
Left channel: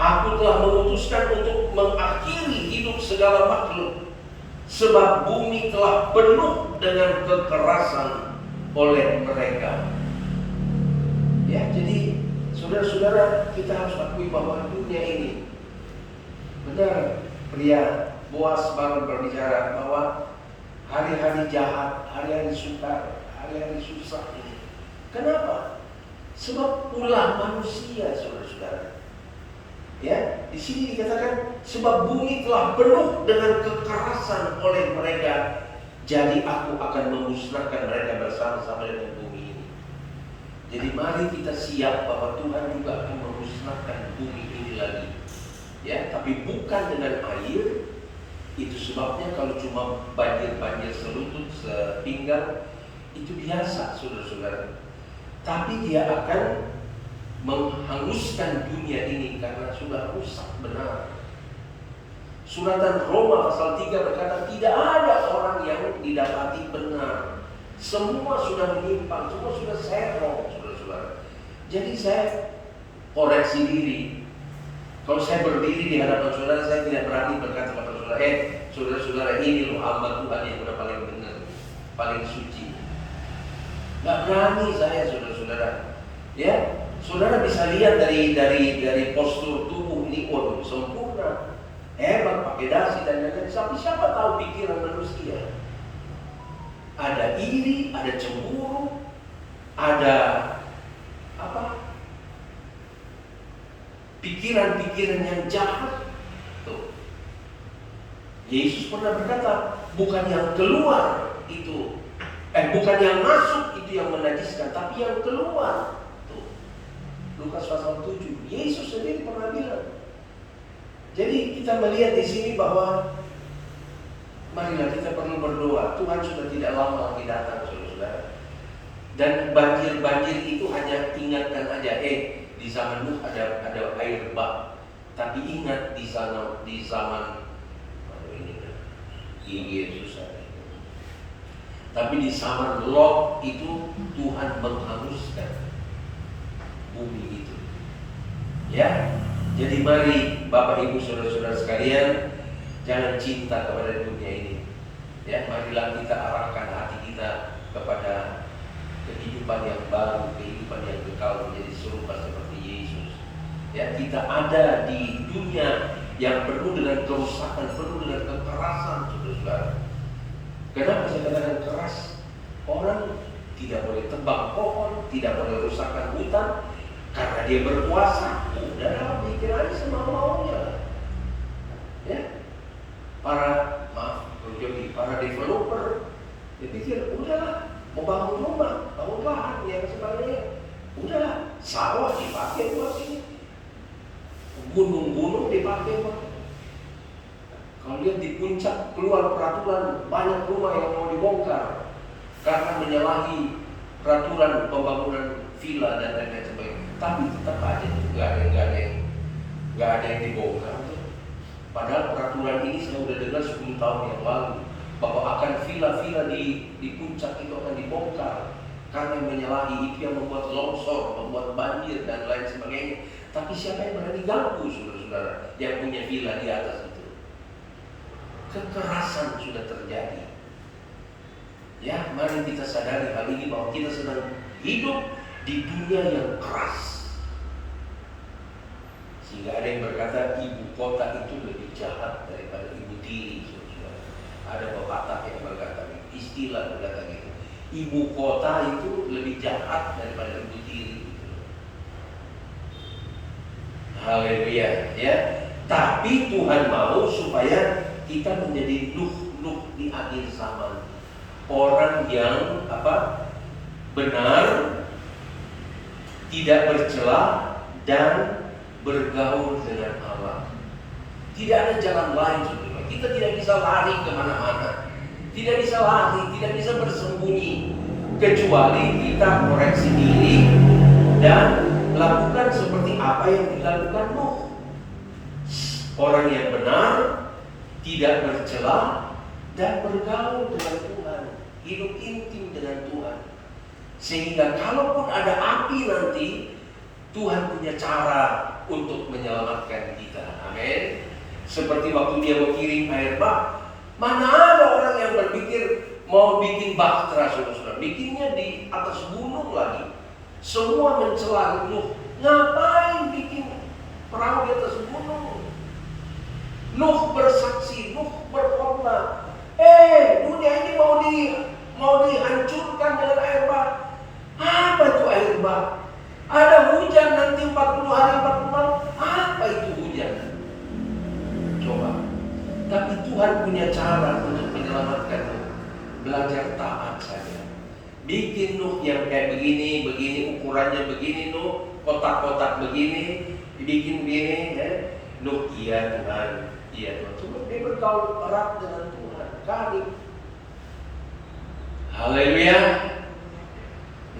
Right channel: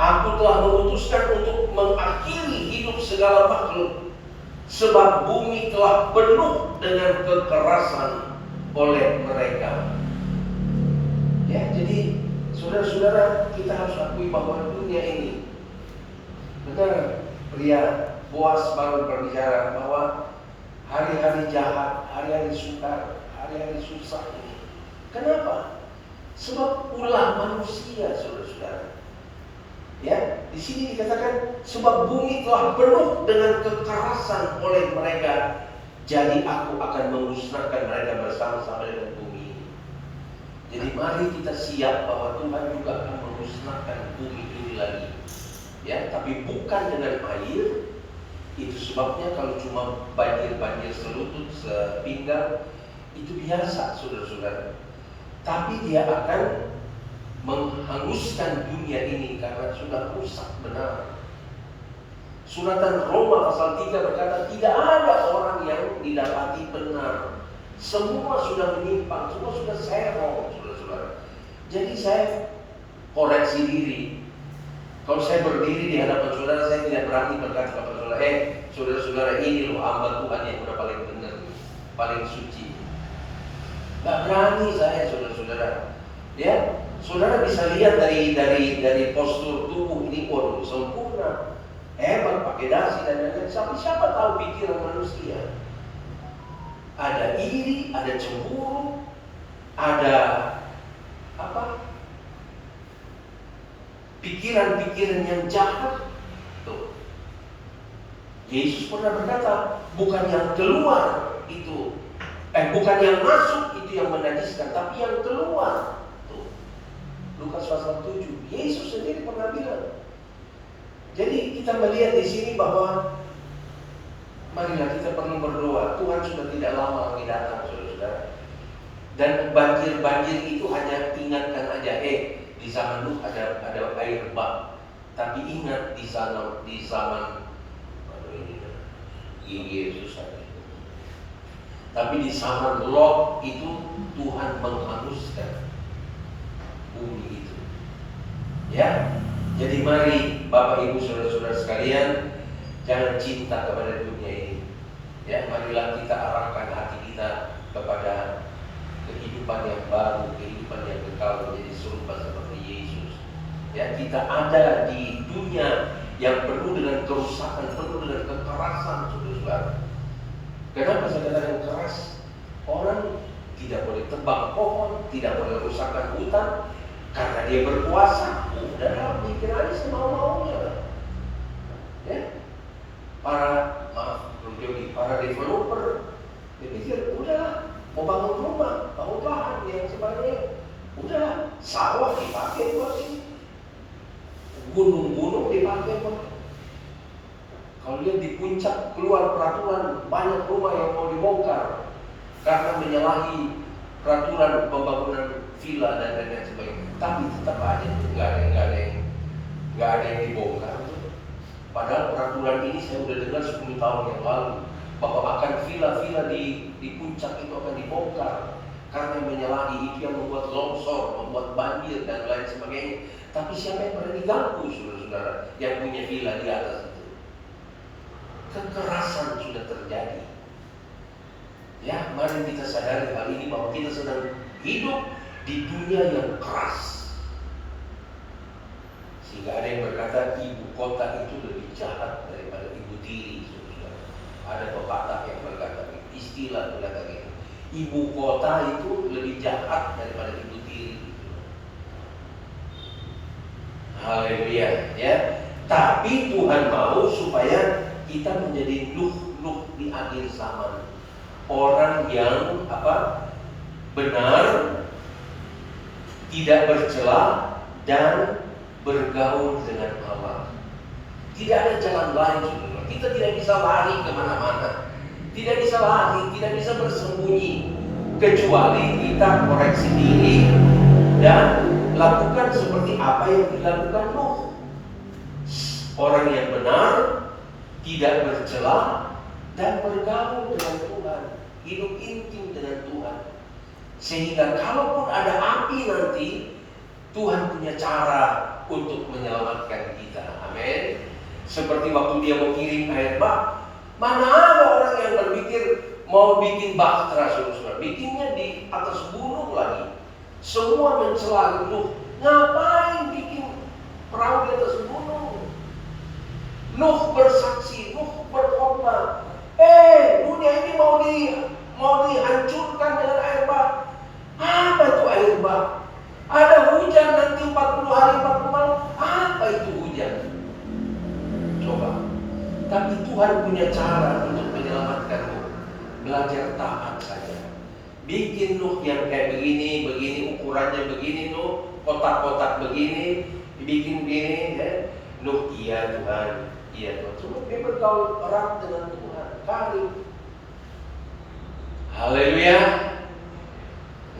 aku telah memutuskan untuk mengakhiri hidup segala makhluk, sebab bumi telah penuh dengan kekerasan oleh mereka. Saudara-saudara, kita harus akui bahwa dunia ini, benar, pria Boas baru berbicara bahwa hari-hari jahat, hari-hari sukar, hari-hari susah ini. Kenapa? Sebab ulah manusia, saudara-saudara. Ya, di sini dikatakan sebab bumi telah penuh dengan kekerasan oleh mereka, jadi aku akan memusnahkan mereka bersama-sama dengan bumi ini. Jadi mari kita siap bahwa Tuhan juga akan memusnahkan bumi ini lagi. Ya, tapi bukan dengan air. Itu sebabnya kalau cuma banjir-banjir selutut, sepinggang, itu biasa, saudara-saudara. Tapi dia akan menghanguskan dunia ini karena sudah rusak benar. Suratan Roma pasal 3 berkata tidak ada orang yang didapati benar. Semua sudah menyimpang, semua sudah serong, saudara-saudara. Jadi saya koreksi diri. Kalau saya berdiri di hadapan saudara, saya tidak berani berkata kepada saudara, saudara-saudara, ini loh hamba Tuhan yang udah paling benar, paling suci. Nggak berani saya, saudara-saudara. Ya, saudara bisa lihat dari postur tubuh ini, waduh, sempurna, hebat, pakai dasi dan lain-lain. Tapi siapa tahu pikiran manusia? Ada iri, ada cemburu, ada apa? Pikiran-pikiran yang jahat. Tuh. Yesus pernah berkata, bukan yang keluar itu, bukan yang masuk itu yang menajiskan, tapi yang keluar. Lukas pasal 7, Yesus sendiri pernah bilang. Jadi kita melihat di sini bahwa marilah kita perlu berdoa. Tuhan sudah tidak lama lagi datang, saudara-saudara. Dan banjir-banjir itu hanya ingatkan aja, di zaman Nuh ada air bah. Tapi ingat di zaman Yesus ada. Tapi di zaman Lot itu Tuhan menghanguskan bumi itu. Ya, jadi mari Bapak Ibu saudara-saudara sekalian, jangan cinta kepada dunia ini. Ya, marilah kita arahkan hati kita kepada kehidupan yang baru, kehidupan yang kekal menjadi serupa seperti Yesus. Ya, kita ada di dunia yang penuh dengan kerusakan, penuh dengan kekerasan, saudara-saudara. Kenapa saya katakan keras? Orang tidak boleh tebang pohon, tidak boleh rusakkan hutan, karena dia berkuasa. Udah bikin aja semau-maunya. Ya, para developer dia pikir udahlah, mau bangun rumah, bangun lahan yang sebenarnya udahlah, sawah dipakai buat ini, gunung-gunung dipakai buat. Kalau lihat di puncak keluar peraturan, banyak rumah yang mau dibongkar karena menyalahi peraturan pembangunan villa dan lain-lain sebagainya. Tapi tetap aja nggak ada yang dibongkar. Padahal peraturan ini saya sudah dengar 10 tahun yang lalu bahwa akan villa-villa di puncak itu akan dibongkar karena menyalahi itu yang membuat longsor, membuat banjir dan lain sebagainya. Tapi siapa yang berani ganggu, saudara-saudara, yang punya villa di atas itu? Kekerasan sudah terjadi. Ya, mari kita sadari hal ini bahwa kita sedang hidup di dunia yang keras. Sehingga ada yang berkata ibu kota itu lebih jahat daripada ibu tiri. Ada pepatah yang berkata, istilah berkata gitu. Ibu kota itu lebih jahat daripada ibu tiri. Haleluya, ya. Tapi Tuhan mau supaya kita menjadi Nuh di akhir zaman. Orang yang benar, tidak bercela dan bergaul dengan Allah. Tidak ada jalan lain, saudara. Kita tidak bisa lari kemana-mana, tidak bisa lari, tidak bisa bersembunyi, kecuali kita koreksi diri dan lakukan seperti apa yang dilakukan Nuh. Orang yang benar, tidak bercela dan bergaul dengan Tuhan, hidup intim dengan Tuhan. Sehingga kalaupun ada api nanti, Tuhan punya cara untuk menyelamatkan kita. Amin. Seperti waktu dia mau kirim air bah, mana ada orang yang berpikir mau bikin bahtera, saudara. Bikinnya di atas gunung lagi. Semua mencela Nuh, Ngapain bikin perahu di atas gunung? Nuh bersaksi, Nuh berkorban. Dunia ini mau dihancurkan dengan air bah. Apa itu air bah? Ada hujan nanti 40 hari 40 malam. Apa itu hujan? Coba. Tapi Tuhan punya cara untuk menyelamatkanmu. Belajar taat saja. Bikin Nuh yang kayak begini, ukurannya begini Nuh, kotak-kotak begini, dibikin begini ya. Nuh, iya Tuhan, iya Tuhan. Cuma dia bergaul erat dengan Tuhan. Kali. Haleluya.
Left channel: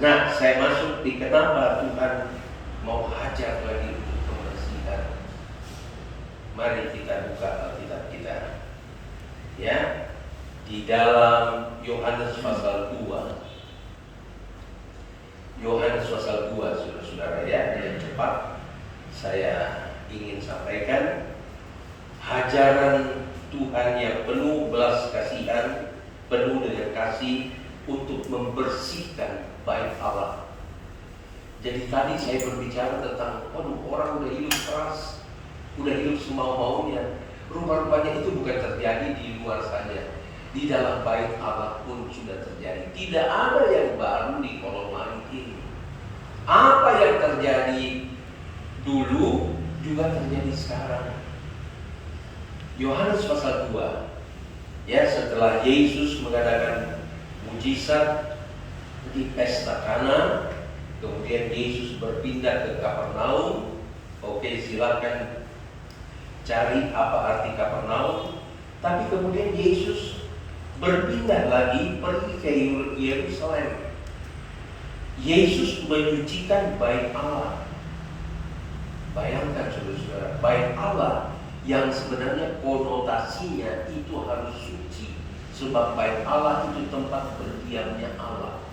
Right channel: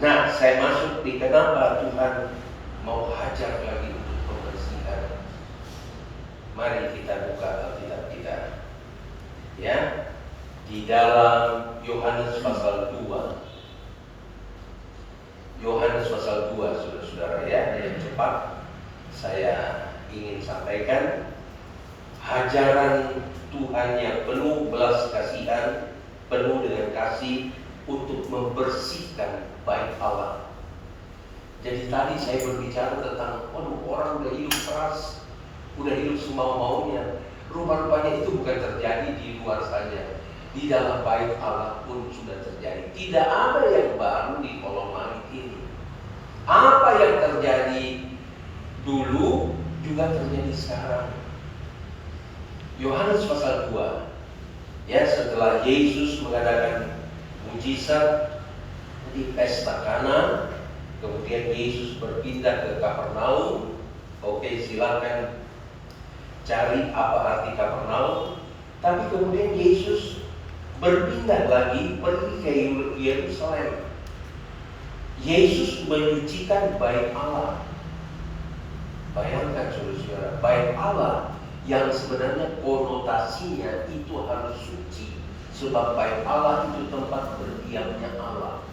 Nah, saya masuk di kenapa Tuhan mau hajar lagi untuk pembersihan. Mari kita buka Alkitab kita. Ya. Di dalam Yohanes pasal 2. Yohanes pasal 2, saudara-saudara ya, yang cepat saya ingin sampaikan hajaran Tuhan yang penuh belas kasihan, penuh dengan kasih untuk membersihkan bait Allah. Jadi tadi saya berbicara tentang, orang udah hidup keras, udah hidup semau-maunya. Rupa-rupanya itu bukan terjadi di luar saja, di dalam bait Allah pun sudah terjadi. Tidak ada yang baru di kolong langit ini. Apa yang terjadi dulu juga terjadi sekarang. Yohanes pasal 2. Ya, setelah Yesus mengadakan mujizat di pesta Kana, kemudian Yesus berpindah ke Kapernaum. Oke, silakan cari apa arti Kapernaum. Tapi kemudian Yesus berpindah lagi pergi ke Yerusalem. Yesus menyucikan bait Allah. Bayangkan saudara-saudara, bait Allah yang sebenarnya konotasinya itu harus suci, sebab bait Allah itu tempat berdiamnya Allah.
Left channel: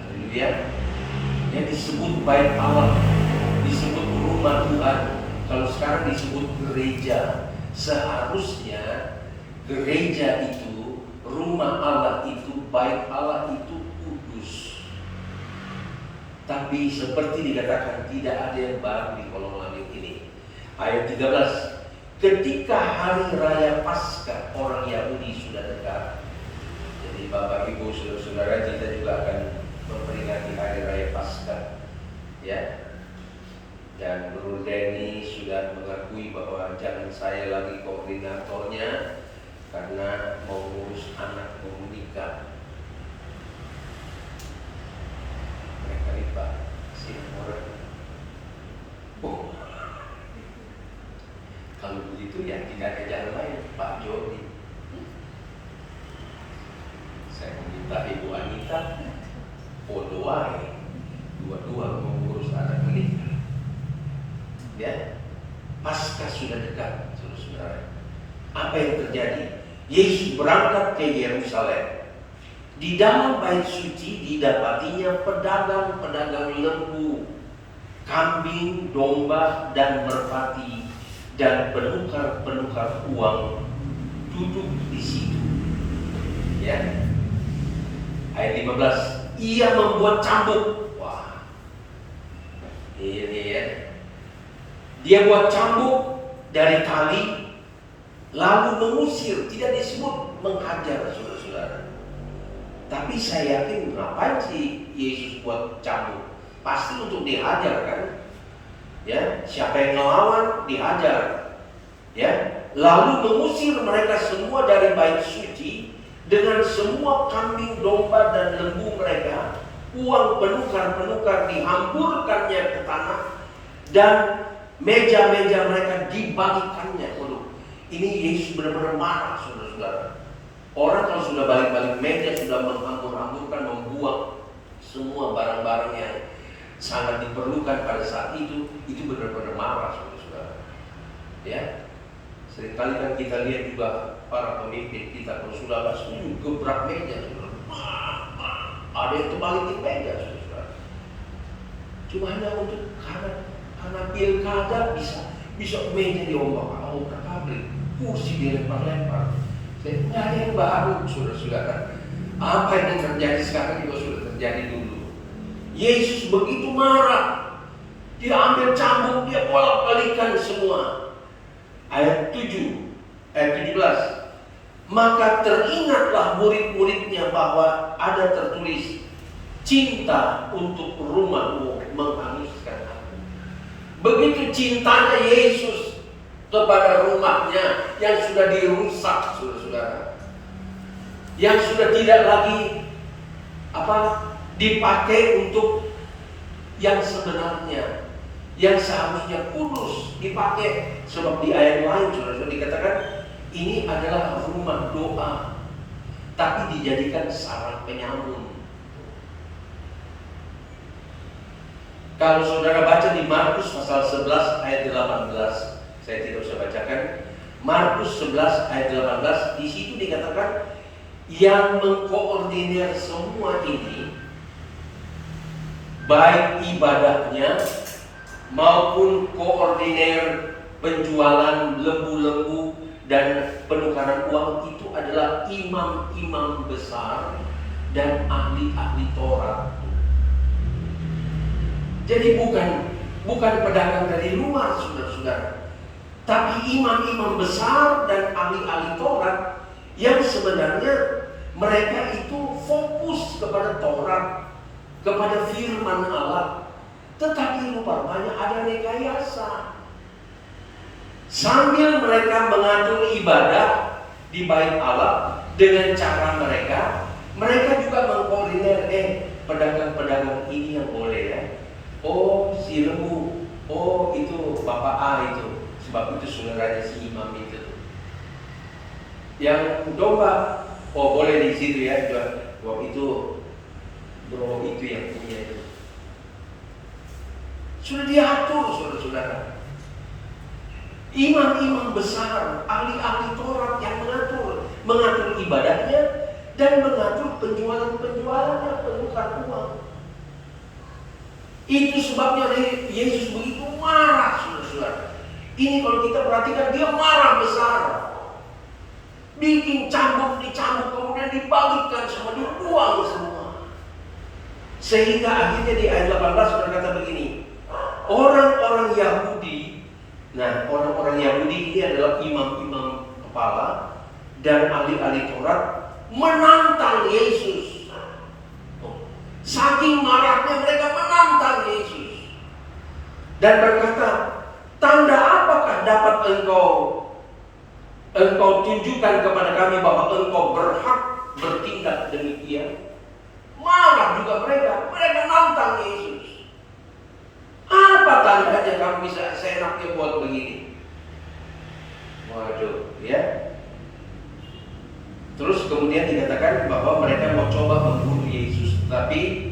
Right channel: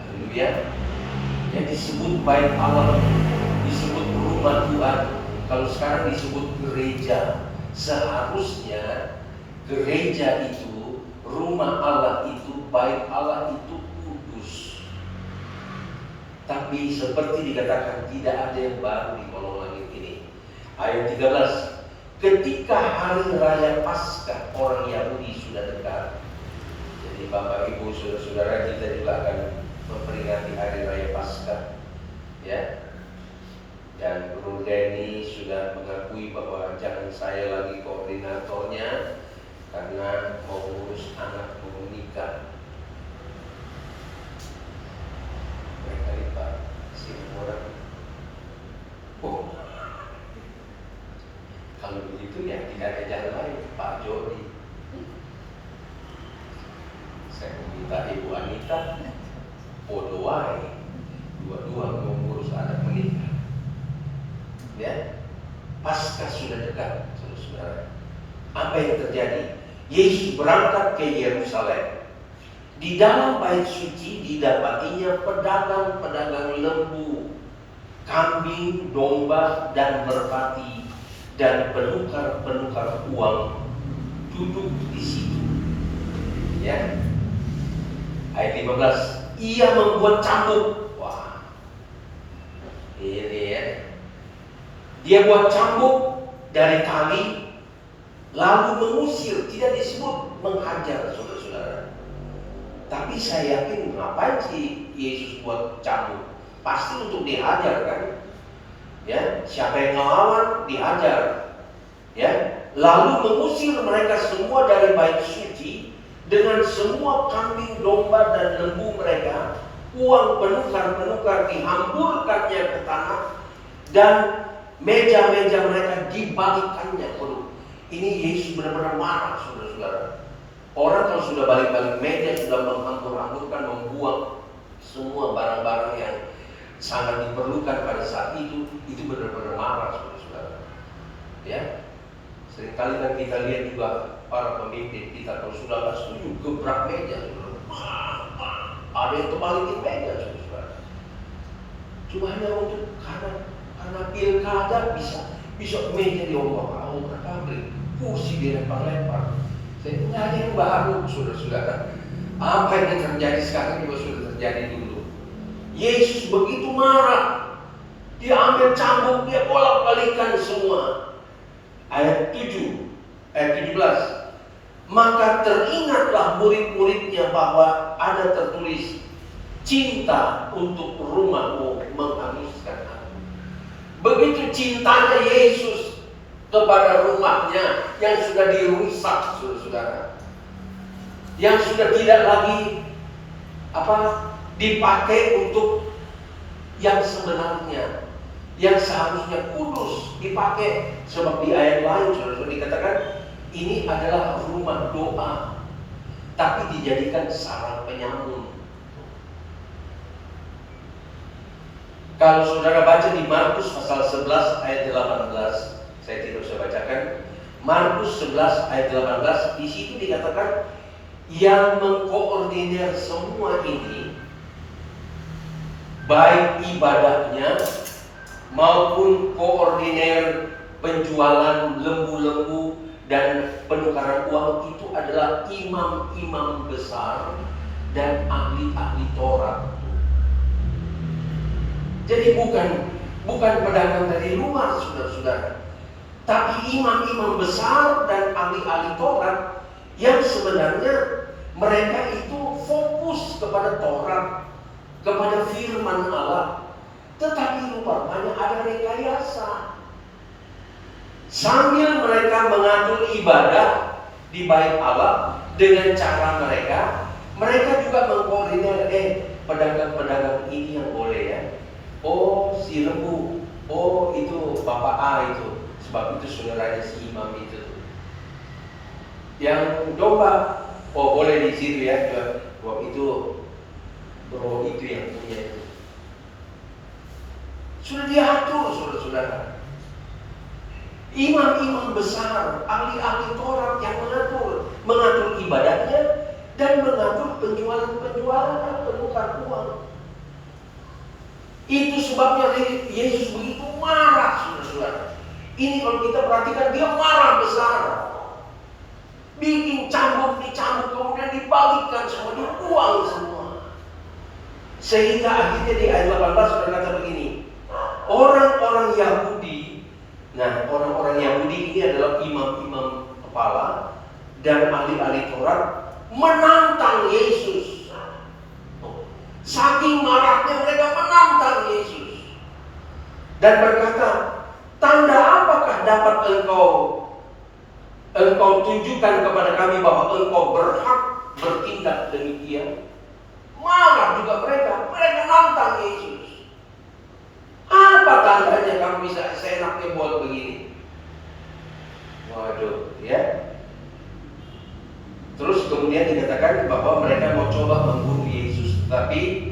Haleluya. Yang disebut bait Allah, disebut rumah Tuhan. Kalau sekarang disebut gereja, seharusnya gereja itu, rumah Allah itu, bait Allah itu kudus. Tapi seperti dikatakan, tidak ada yang baru di kolong langit ini. Ayat 13, ketika hari raya Paskah orang Yahudi sudah dekat. Jadi Bapak Ibu saudara-saudara, kita juga akan memperingati hari raya Paskah, ya. Dan Bro Denny sudah mengakui bahwa jangan saya lagi koordinatornya karena mau ngurus anak mau menikah. Mereka lipat si orang. Kalau begitu ya tidak ada jalan lain, Pak Jody. Saya meminta Ibu Anita, Podoai, dua-dua mengurus anak menikah. Ya, Paskah sudah dekat, saudara-saudara. Apa yang terjadi? Yesus berangkat ke Yerusalem. Di dalam bait suci didapatinya pedagang-pedagang lembu, kambing, domba, dan merpati, dan penukar-penukar uang duduk di situ. Ya. Ayat 15, ia membuat cambuk. Wah, ini ya. Dia buat cambuk dari tali, lalu mengusir. Tidak disebut menghajar, saudara-saudara. Tapi saya yakin ngapain sih Yesus buat cambuk? Pasti untuk dihajar kan? Ya, siapa yang melawan dihajar. Ya, lalu mengusir mereka semua dari bait suci dengan semua kambing, domba, dan lembu mereka. Uang penukar-penukar dihamburkannya ke tanah dan meja-meja mereka dibalikannya. Ini Yesus benar-benar marah, saudara-saudara. Orang kalau sudah balik-balik meja, sudah menghambur-hamburkan, membuang semua barang-barang yang sangat diperlukan pada saat itu benar-benar marah, saudara-saudara. Ya, seringkali kan kita lihat juga para pemimpin kita kalau sudah nggak setuju gebrak meja, saudara. Ada yang terbalikin meja, saudara. Cuma hanya untuk karena pilkada bisa meja diombak-ambik, kursi dilempar-lempar. Nggak ada yang baru, saudara-saudara. Apa yang terjadi sekarang juga sudah terjadi dulu. Yesus begitu marah. Dia ambil cambuk, dia bolak-balikan semua. Ayat 17. Maka teringatlah murid-muridnya bahwa ada tertulis, cinta untuk rumahmu menghanguskan aku. Begitu cintanya Yesus kepada rumahnya yang sudah dirusak, saudara-saudara. Yang sudah tidak lagi dipakai untuk yang sebenarnya, yang seharusnya kudus dipakai. Sebab di ayat lain saudara dikatakan ini adalah rumah doa, tapi dijadikan sarang penyamun. Kalau saudara baca di Markus pasal 11 ayat 18, saya tidak usah bacakan. Markus 11 ayat 18, di situ dikatakan yang mengkoordinir semua ini, baik ibadahnya maupun koordinir penjualan lembu-lembu dan penukaran uang, itu adalah imam-imam besar dan ahli-ahli Taurat. Jadi bukan pedagang dari luar, saudara-saudara, tapi imam-imam besar dan ahli-ahli Taurat yang sebenarnya mereka itu fokus kepada Taurat, kepada firman Allah. Tetapi rupanya ada rekayasa. Sambil mereka mengatur ibadah di bait Allah dengan cara mereka juga mengkoordinir, pedagang-pedagang ini yang boleh ya. Oh, si lembu. Oh, itu Bapak A itu. Sebab itu saudaranya si imam itu. Yang domba, oh boleh di situ ya. Wah itu yang punya itu. Sudah diatur, saudara-saudara. Imam-imam besar, ahli-ahli Taurat yang mengatur ibadahnya dan mengatur penjualannya, penukar uang. Itu sebabnya Yesus begitu marah, saudara-saudara. Ini kalau kita perhatikan, dia marah besar. Bikin dicambuk, kemudian dibalikkan semua, dibuang semua. Sehingga akhirnya di ayat 18 berkata begini, orang-orang Yahudi, orang-orang Yahudi ini adalah imam-imam kepala dan ahli-ahli Taurat, menantang Yesus. Saking marahnya mereka menantang Yesus dan berkata, tanda apakah dapat engkau tunjukkan kepada kami bahwa engkau berhak bertindak demikian? Marah juga mereka nantang Yesus. Apa tandanya kamu bisa seenaknya buat begini? Waduh, ya. Terus kemudian dikatakan bahwa mereka mau coba membunuh Yesus, tapi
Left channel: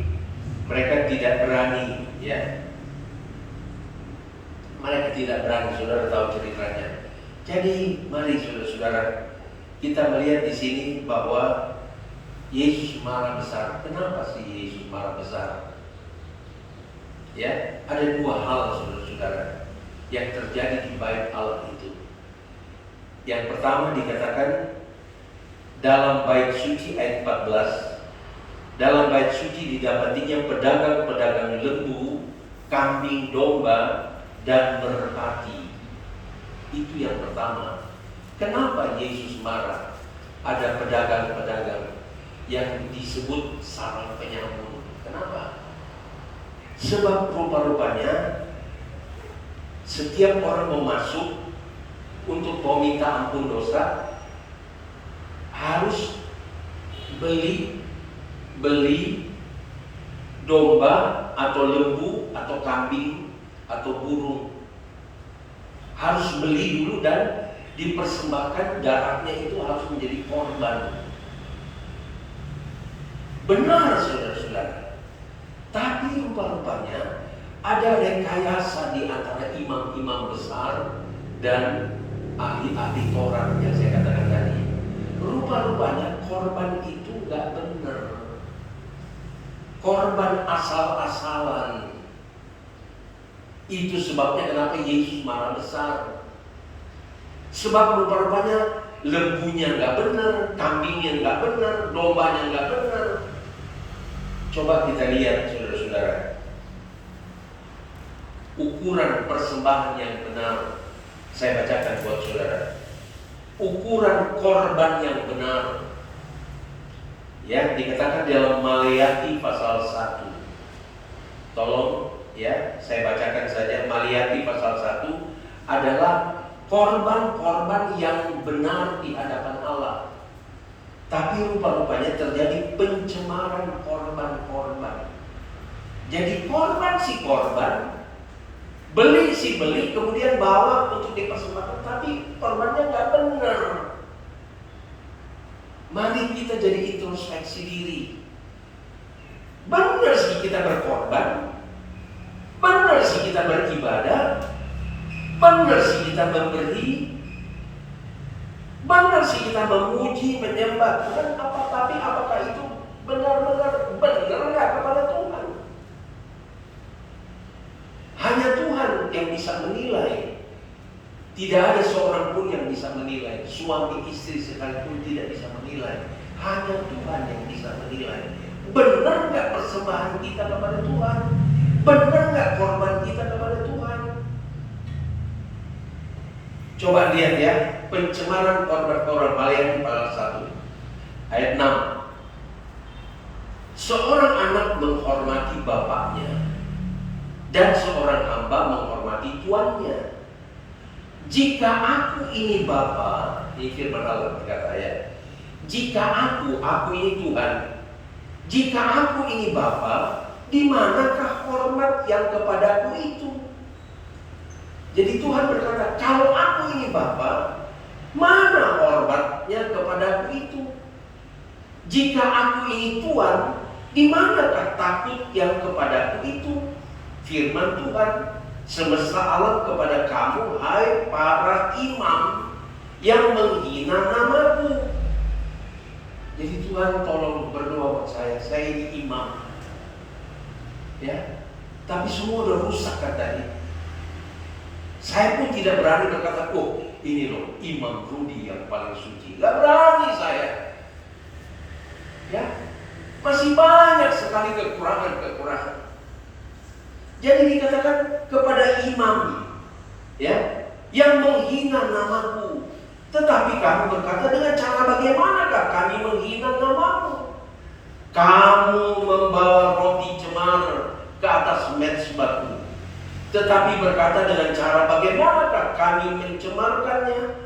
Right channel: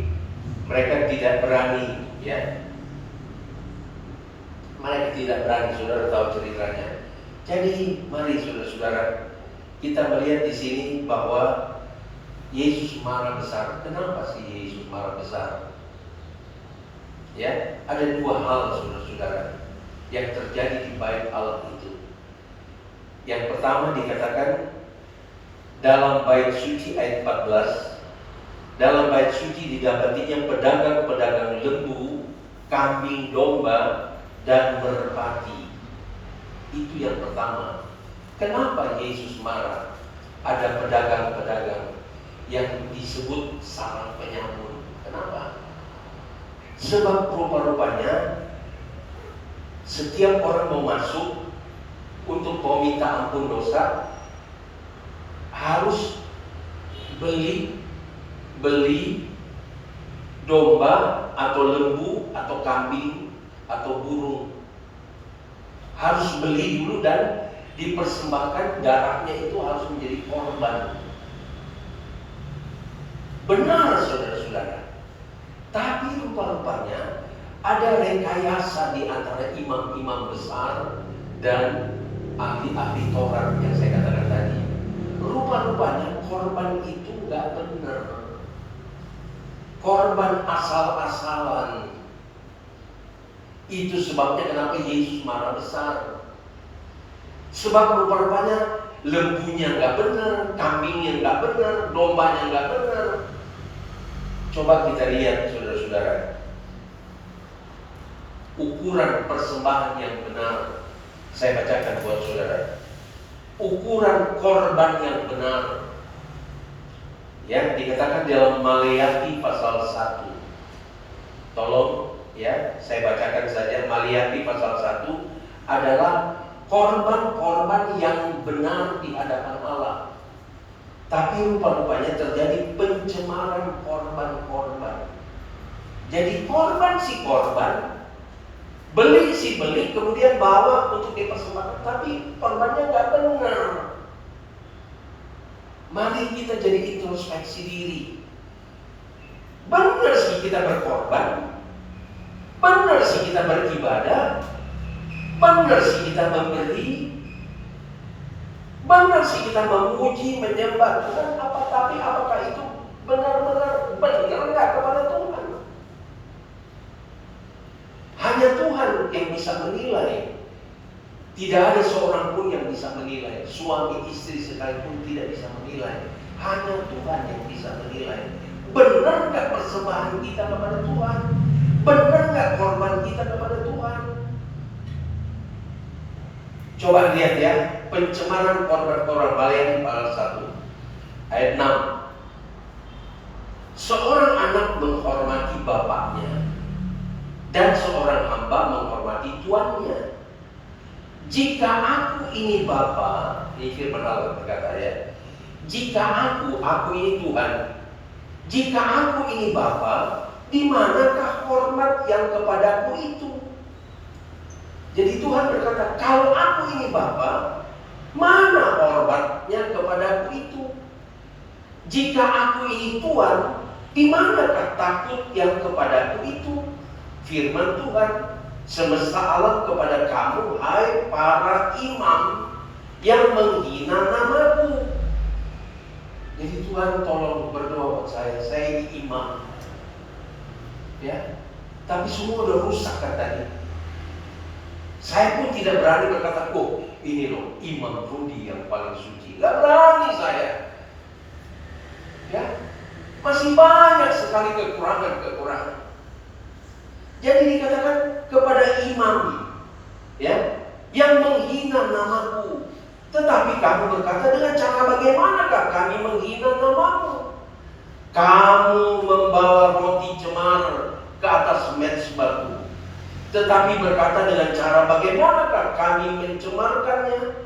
mereka tidak berani, ya. Mereka tidak berani, saudara tahu ceritanya. Jadi mari saudara-saudara, kita melihat di sini bahwa Yesus marah besar. Kenapa sih Yesus marah besar? Ya, ada dua hal saudara-saudara yang terjadi di bait Allah itu. Yang pertama dikatakan dalam bait suci ayat 14, dalam bait suci didapatinya pedagang-pedagang lembu, kambing, domba, dan merpati. Itu yang pertama. Kenapa Yesus marah? Ada pedagang-pedagang yang disebut sarang penyamun. Kenapa? Sebab rupa-rupanya setiap orang mau masuk untuk mau minta ampun dosa harus beli domba atau lembu atau kambing atau burung. Harus beli dulu dan dipersembahkan, darahnya itu harus menjadi korban. Benar saudara-saudara. Tapi rupa-rupanya ada rekayasa di antara imam-imam besar dan ahli-ahli Taurat yang saya katakan tadi. Rupa-rupanya korban itu gak benar. Korban asal-asalan. Itu sebabnya kenapa Yesus marah besar. Sebab rupa-rupanya lembunya gak benar, kambingnya gak benar, dombanya gak benar. Coba kita lihat saudara-saudara. ukuran persembahan yang benar. Saya bacakan buat saudara. Ukuran korban yang benar. Ya, dikatakan dalam Maleakhi pasal 1. Tolong ya, saya bacakan saja. Maleakhi pasal 1 adalah korban-korban yang benar di hadapan Allah. Tapi rupa-rupanya terjadi pencemaran korban-korban. Jadi korban si korban, beli si beli, kemudian bawa untuk dipersembahkan, tapi korbannya nggak benar. Mari kita jadi introspeksi diri. Benar sih kita berkorban, benar sih kita beribadah, benar sih kita memberi, benar sih kita memuji, menyembah Tuhan. Tapi apakah itu benar-benar nggak kepada Tuhan? Hanya Tuhan yang bisa menilai. Tidak ada seorang pun yang bisa menilai. Suami istri sekalipun tidak bisa menilai. Hanya Tuhan yang bisa menilai. Benar nggak persembahan kita kepada Tuhan? Benar nggak korban kita kepada Tuhan? Coba lihat ya, pencemaran korban-korban Maleakhi pasal 1 ayat 6. Seorang anak menghormati bapaknya dan seorang hamba menghormati tuannya. Jika aku ini Bapa, ini firman Allah berkata ya, jika aku ini Tuhan, jika aku ini Bapa, di manakah hormat yang kepadaku itu? Jadi Tuhan berkata, kalau aku ini Bapa, mana hormatnya kepadaku itu? Jika aku ini Tuhan, di manakah takut yang kepadaku itu? Firman Tuhan semesta alam kepada kamu, hai para imam yang menghina namaku. Jadi Tuhan tolong berdoa buat saya ini imam. Ya, tapi semua udah rusak katanya. Saya pun tidak berani berkata, oh ini loh Imam Rudi yang paling suci. Gak berani saya. Ya, masih banyak sekali kekurangan. Jadi dikatakan kepada imam, ya, yang menghina namaku. Tetapi kamu berkata, dengan cara bagaimanakah kami menghina namamu? Kamu membawa roti cemar ke atas mezbahku. Tetapi berkata, dengan cara bagaimanakah kami mencemarkannya?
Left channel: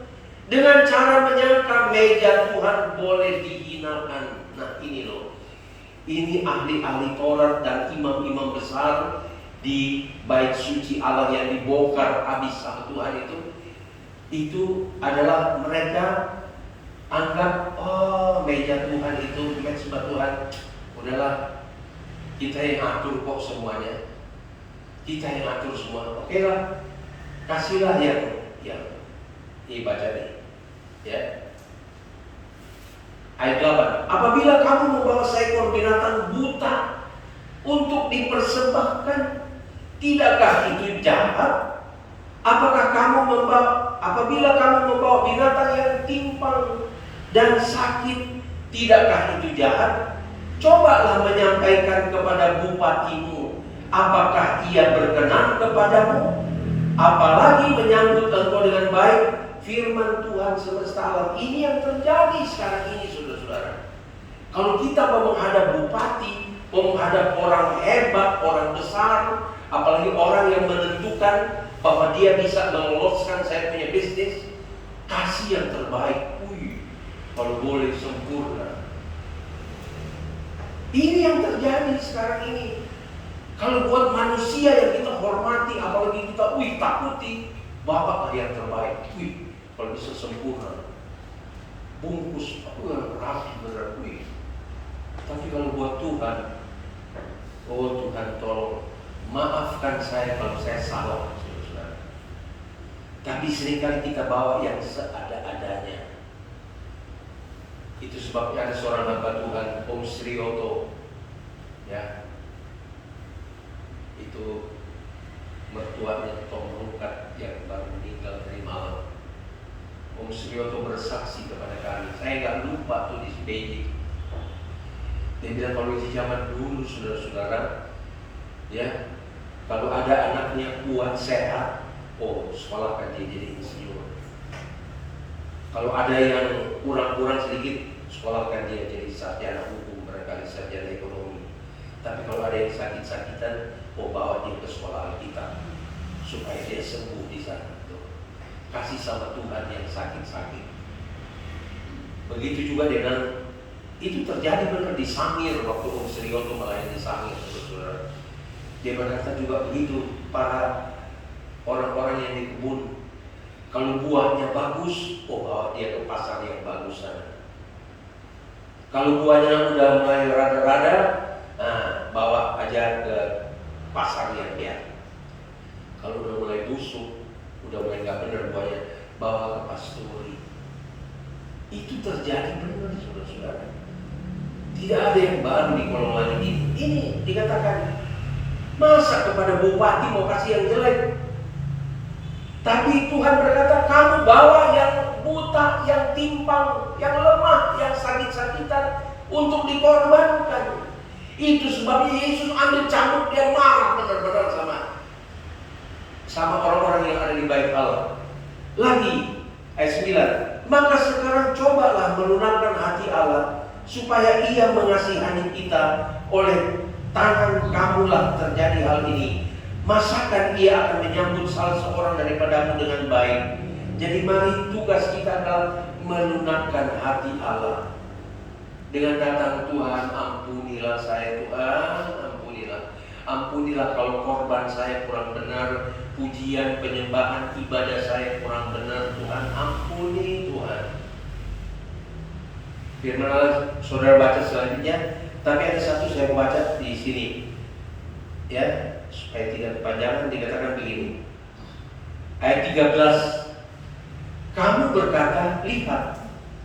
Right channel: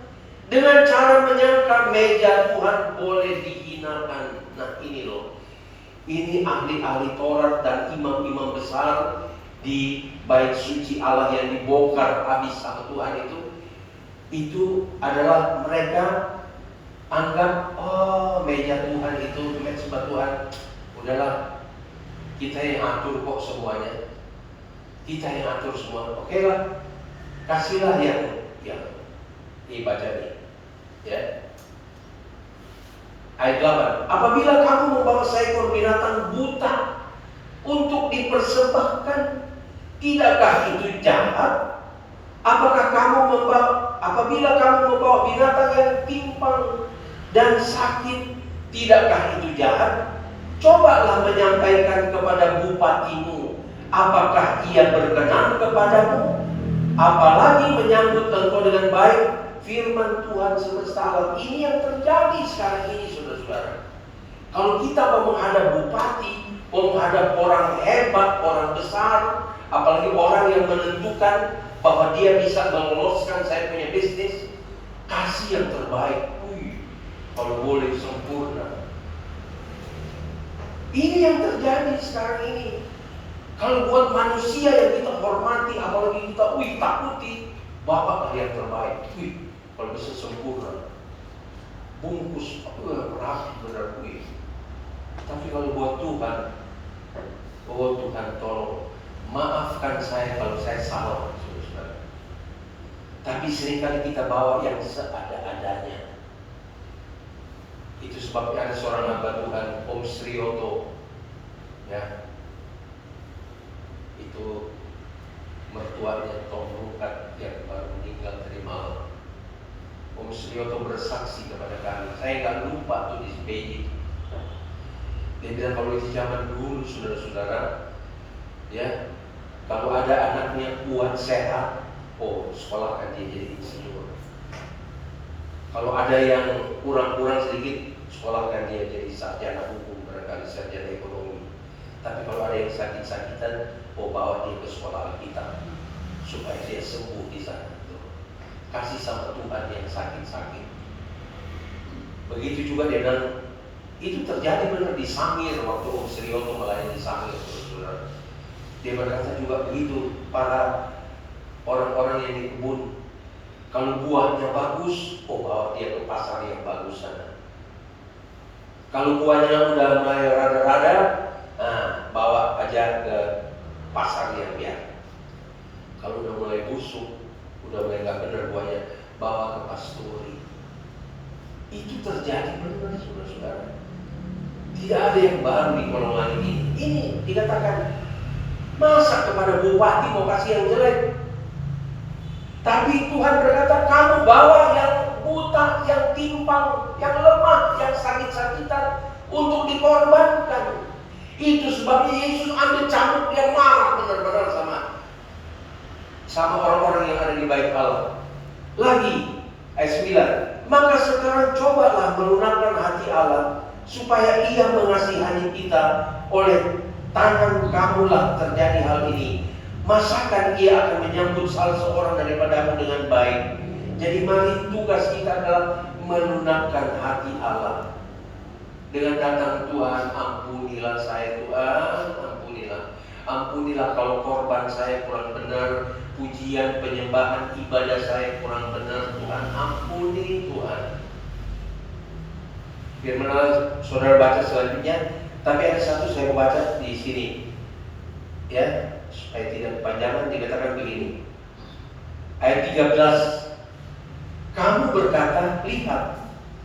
Dengan cara menyangka meja Tuhan boleh dihinakan. Nah ini loh, ini ahli-ahli Taurat dan imam-imam besar di bait suci Allah yang dibongkar habis sama Tuhan itu adalah mereka anggap, oh meja Tuhan itu, mezbah Tuhan, udahlah kita yang atur kok semuanya, kita yang atur semua, oke lah, kasihlah yang ini baca nih, ya. Ayat 8, apabila kamu membawa seekor binatang buta untuk dipersembahkan, tidakkah itu jahat? Apakah apabila kamu membawa binatang yang timpang dan sakit, tidakkah itu jahat? Cobalah menyampaikan kepada bupatimu, apakah ia berkenan kepadamu? Apalagi menyambut engkau dengan baik. Firman Tuhan semesta alam. Ini yang terjadi sekarang ini, saudara-saudara. Kalau kita mau menghadap bupati, mau menghadap orang hebat, orang besar, apalagi orang yang menentukan bahwa dia bisa meloloskan saya punya bisnis, kasih yang terbaik. Kalau boleh sempurna. Ini yang terjadi sekarang ini. Kalau buat manusia yang kita hormati, apalagi kita takuti, Bapak yang terbaik. Kalau bisa sempurna, bungkus rapi benar. Tapi kalau buat Tuhan, oh Tuhan tolong maafkan saya kalau saya salah, saudara. Tapi seringkali kita bawa yang seada-adanya. Itu sebabnya ada seorang hamba Tuhan, Om Srioto, ya, itu mertuanya Tom Rukat yang baru meninggal dari Malang. Om Srioto bersaksi kepada kami, saya nggak lupa tuh di Beijing. Dia bilang kalau di zaman dulu, saudara-saudara, ya, Kalau ada anaknya kuat sehat, oh sekolahkan dia jadi insinyur. Kalau ada yang kurang-kurang sedikit, sekolahkan dia jadi sarjana hukum, barangkali sarjana ekonomi. Tapi kalau ada yang sakit-sakitan, oh bawa dia ke sekolah Alkitab supaya dia sembuh di sana. Kasih sama Tuhan yang sakit-sakit. Begitu juga dengan itu terjadi benar di Sangir waktu Om Srioto melayani di Sangir, saudara. Dia berkata juga begitu, para orang-orang yang di kebun, kalau buahnya bagus, oh bawa dia ke pasar yang bagus sana. Kalau buahnya udah mulai rada-rada, bawa aja ke pasar yang biasa. Kalau udah mulai busuk, udah mulai nggak benar buahnya, bawa ke pastori. Itu terjadi benar, saudara-saudara. Tidak ada yang baru di golongan ini. Ini dikatakan, masa kepada bupati mau kasih yang jelek? Tapi Tuhan berkata, kamu bawa yang buta, yang timpang, yang lemah, yang sakit-sakitan untuk dikorbankan. Itu sebabnya Yesus ambil cambuk, dia marah benar-benar sama orang-orang yang ada di bait Allah. Lagi ayat 9, maka sekarang cobalah melunakkan hati Allah supaya Ia mengasihani kita. Oleh tangan kamulah terjadi hal ini. Masakan Ia akan menyambut salah seorang daripadamu dengan baik. Jadi mari tugas kita adalah melunakkan hati Allah. Dengan datang, Tuhan ampunilah saya, Tuhan ampunilah. Ampunilah kalau korban saya kurang benar, pujian, penyembahan, ibadah saya kurang benar. Tuhan ampuni, Tuhan. Firman Allah, saudara baca selanjutnya. Tapi ada satu saya baca di sini, ya, supaya tidak kepanjangan. Dikatakan begini, ayat 13, kamu berkata, lihat,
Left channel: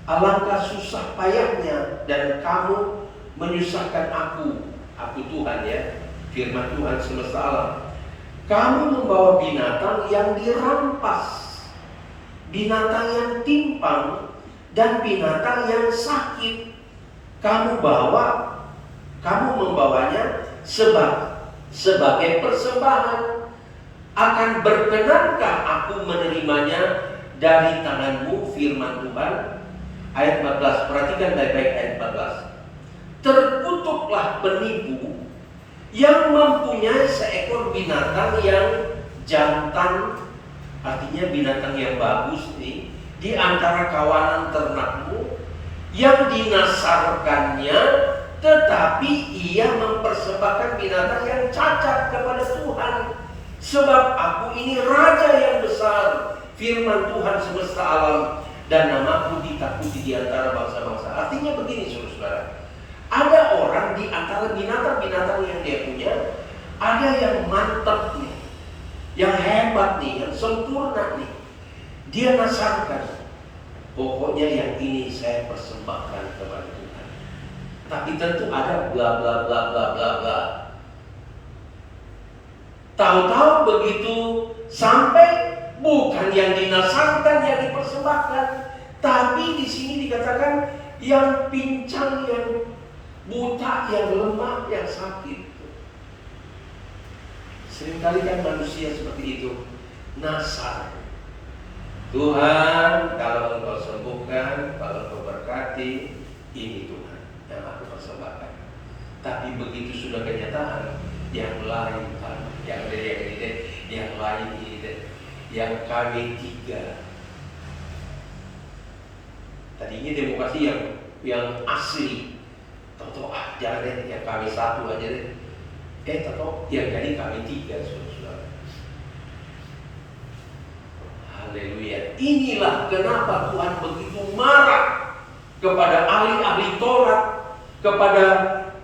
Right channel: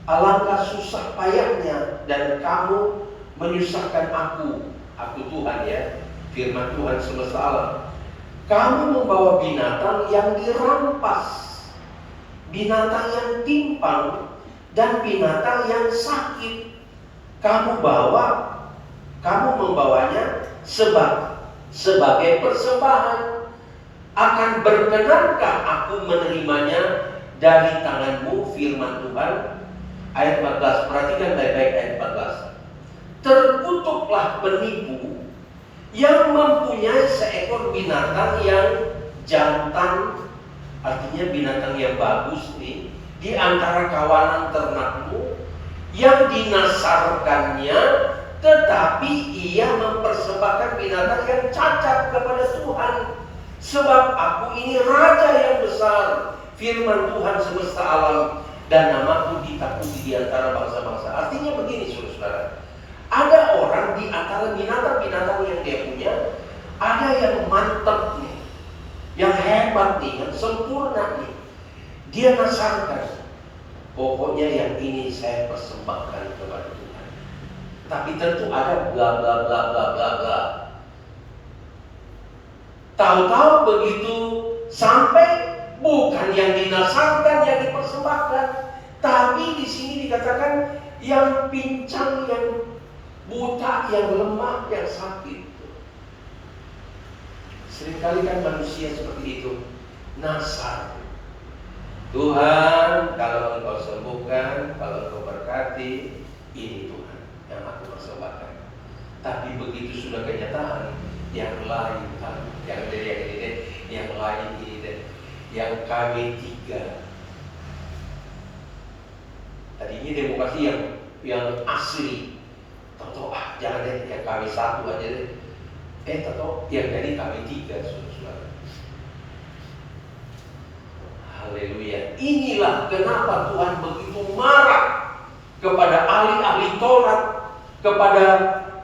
alangkah susah payahnya dan kamu menyusahkan aku Tuhan, ya, firman Tuhan semesta alam. Kamu membawa binatang yang dirampas, binatang yang timpang, dan binatang yang sakit. Kamu membawanya sebagai persembahan. Akan berkenankah aku menerimanya dari tanganmu, firman Tuhan? Ayat 14, perhatikan baik-baik ayat 14. Terkutuklah penipu yang mempunyai seekor binatang yang jantan, artinya binatang yang bagus nih, di antara kawanan ternakmu, yang dinasarkannya, tetapi ia mempersembahkan binatang yang cacat kepada Tuhan. Sebab aku ini raja yang besar, firman Tuhan semesta alam, dan namaku ditakuti di antara bangsa-bangsa. Artinya begini, saudara-saudara, ada orang di antara binatang-binatang yang dia punya, ada yang mantap nih, yang hebat nih, yang sempurna nih. Dia nasarkan, pokoknya yang ini saya persembahkan kepada Tuhan. Tapi tentu ada bla bla bla bla bla bla. Tahu-tahu begitu sampai bukan yang dinasarkan yang dipersembahkan, tapi di sini dikatakan yang pincang, yang buta, yang lemah, yang sakit. Seringkali kan manusia seperti itu, nasar. Tuhan, kalau Engkau sembuhkan, kalau Engkau berkati, ini Tuhan yang aku persembahkan. Tapi begitu sudah kenyataan, yang lain, yang lain ini, yang KW3. Tadinya demokrasi yang asli, tahu jangan deh yang KW1 aja deh. Tahu yang dari KW3, saudara. Haleluya. Inilah kenapa Tuhan begitu marah kepada ahli-ahli Taurat, kepada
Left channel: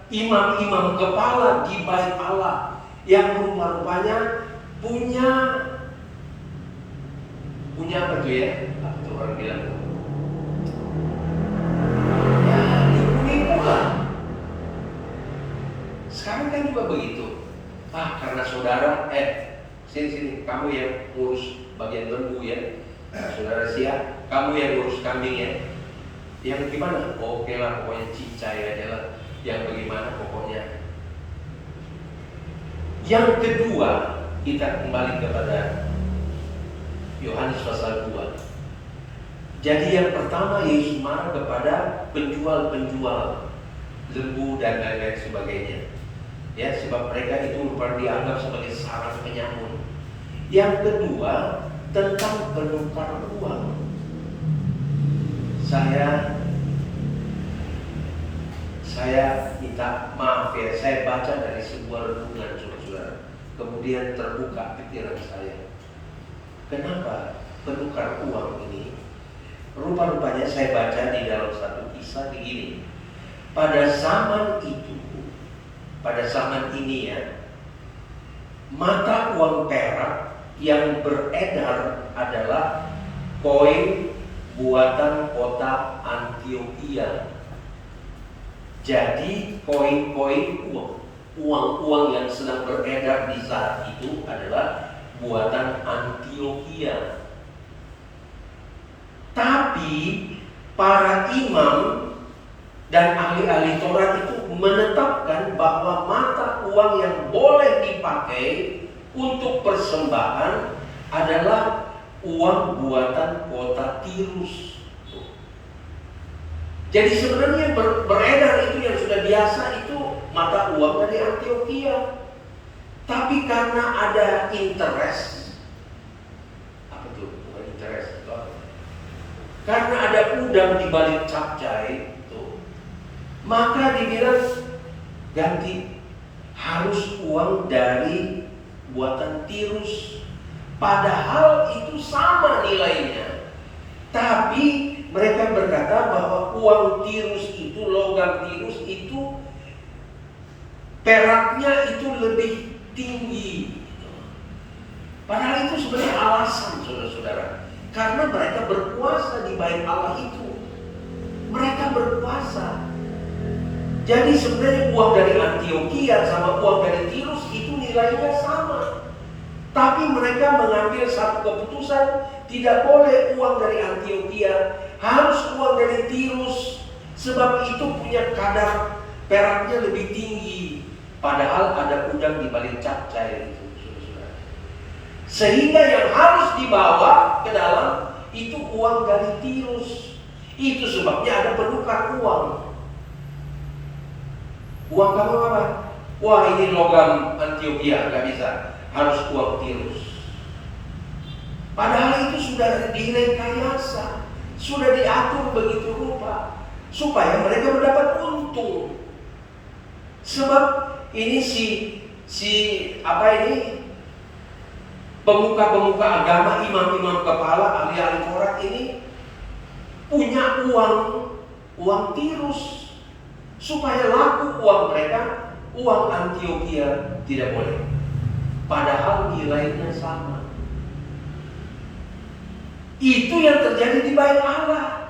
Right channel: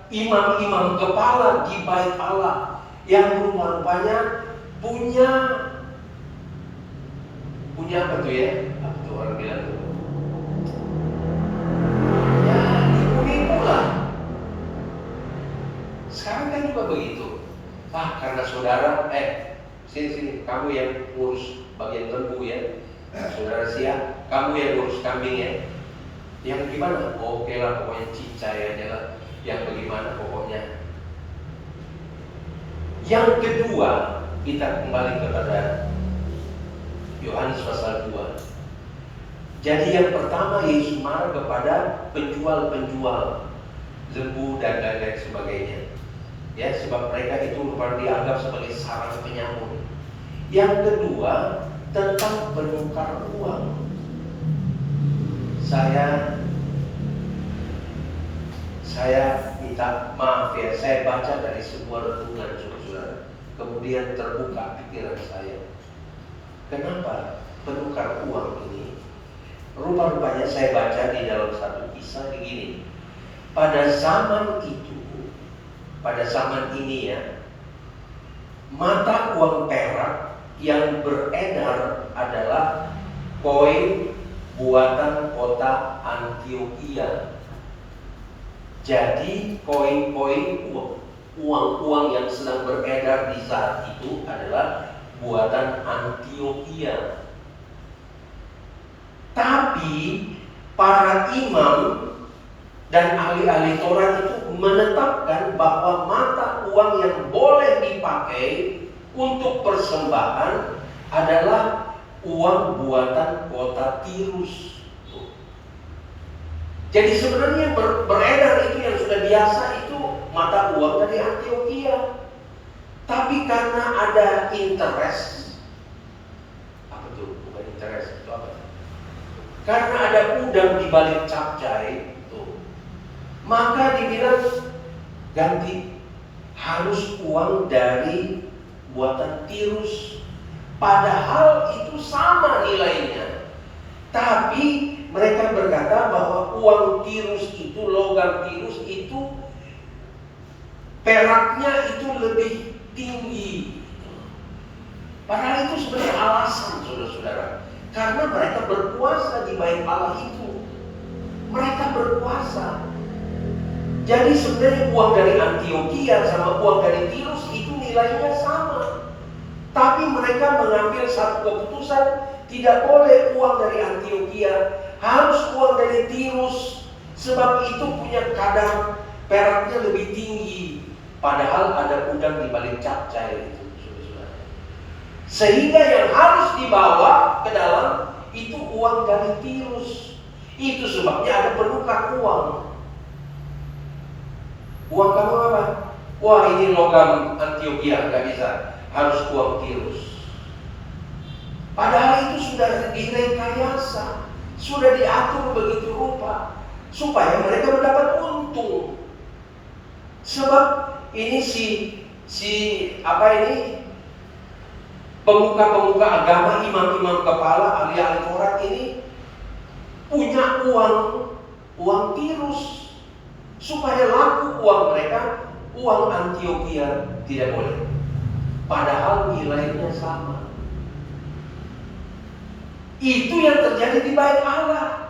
imam-imam kepala di bait Allah yang rupa-rupanya punya apa tuh ya? Apa tuh orang bilang? Ya, nipu lah. Sekarang kan juga begitu. Karena saudara, sini kamu yang urus bagian lembu ya, saudara siap, kamu yang urus kambing ya. Yang gimana? Oke lah, pokoknya cicai aja lah. Yang bagaimana pokoknya. Yang kedua, kita kembali kepada Yohanes pasal 2. Jadi yang pertama, Yesus marah kepada penjual-penjual lembu dan lain-lain sebagainya. Ya, sebab mereka itu merupakan dianggap sebagai sarang penyamun. Yang kedua, tentang penukar uang. Saya minta maaf ya, saya baca dari sebuah renungan saudara. Kemudian terbuka pikiran saya. Kenapa penukar uang ini? Rupa-rupanya saya baca di dalam satu kisah begini. Pada zaman ini ya, mata uang perak yang beredar adalah koin buatan kota Antioquia. Jadi koin-koin uang yang sedang beredar di saat itu adalah buatan Antioquia. Tapi para imam dan ahli-ahli Taurat itu menetapkan bahwa mata uang yang boleh dipakai untuk persembahan adalah uang buatan kota Tirus. Jadi sebenarnya yang beredar itu yang sudah biasa itu mata uang dari Antioquia. Tapi karena ada interest, apa itu? Bukan interest, itu apa? Karena ada udang di balik capcai itu, maka dibilang ganti, harus uang dari buatan Tirus. Padahal itu sama nilainya. Tapi mereka berkata bahwa uang Tirus itu, logam Tirus itu, peraknya itu lebih tinggi. Padahal itu sebenarnya alasan, saudara-saudara. Karena mereka berkuasa di bait Allah itu. Mereka berkuasa. Jadi sebenarnya uang dari Antioquia sama uang dari Tirus itu nilainya sama. Tapi mereka mengambil satu keputusan, tidak boleh uang dari Antioquia, harus uang dari Tirus. Sebab itu punya kadar peraknya lebih tinggi. Padahal ada udang di balik capcai itu. Sehingga yang harus dibawa ke dalam itu uang dari Tirus. Itu sebabnya ada penukar uang. Uang kamu apa? Wah, ini logam Antioquia, nggak bisa. Harus uang Tirus. Padahal itu sudah direkayasa, sudah diatur begitu rupa supaya mereka mendapat untung. Sebab ini pemuka-pemuka agama, imam-imam kepala, ahli-ahli Taurat ini punya uang Tirus supaya laku uang mereka, uang Antioquia tidak boleh. Padahal nilainya sama. Itu yang terjadi di bait Allah.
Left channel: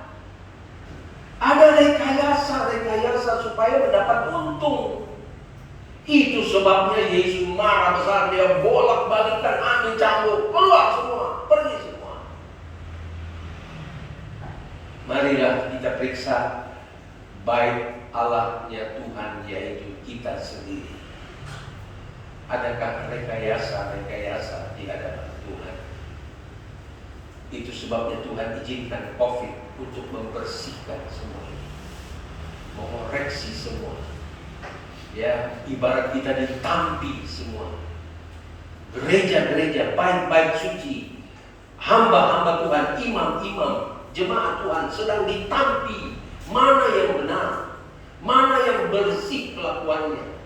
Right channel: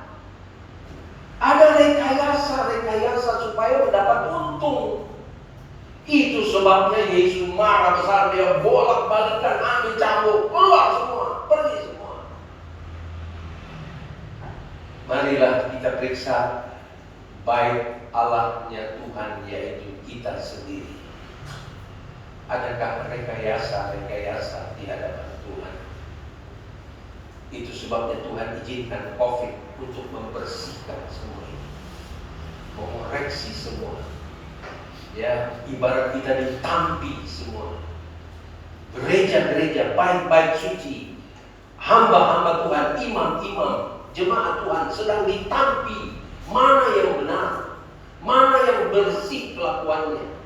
Ada rekayasa supaya mendapat untung. Itu sebabnya Yesus marah besar, dia bolak-balikan, ambil cambuk, keluar semua, pergi semua. Marilah kita periksa bait Allahnya Tuhan, yaitu kita sendiri. Adakah rekayasa di hadapan Tuhan? Itu sebabnya Tuhan izinkan COVID untuk membersihkan semua ini, mengoreksi semua. Ya, ibarat kita ditampi semua. Gereja-gereja baik-baik suci, hamba-hamba Tuhan, imam-imam, jemaat Tuhan sedang ditampi. Mana yang benar, mana yang bersih kelakuannya,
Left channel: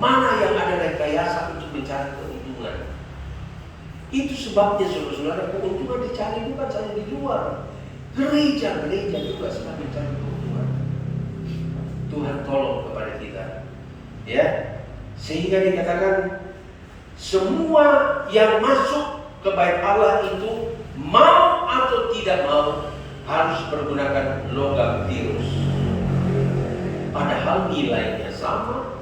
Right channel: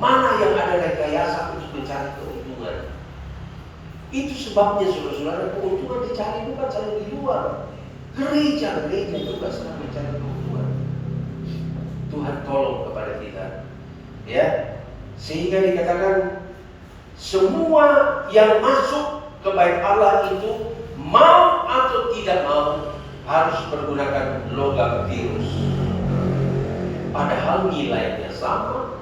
mana yang ada rekayasa untuk mencari keuntungan. Itu sebabnya saudara-saudara, keuntungan dicari bukan saja di luar. Gereja-gereja juga sedang mencari keuntungan. Tuhan tolong kepada kita. Ya, sehingga dikatakan semua yang masuk ke bait Allah itu mau atau tidak mau harus menggunakan logam Tirus. Padahal nilainya sama.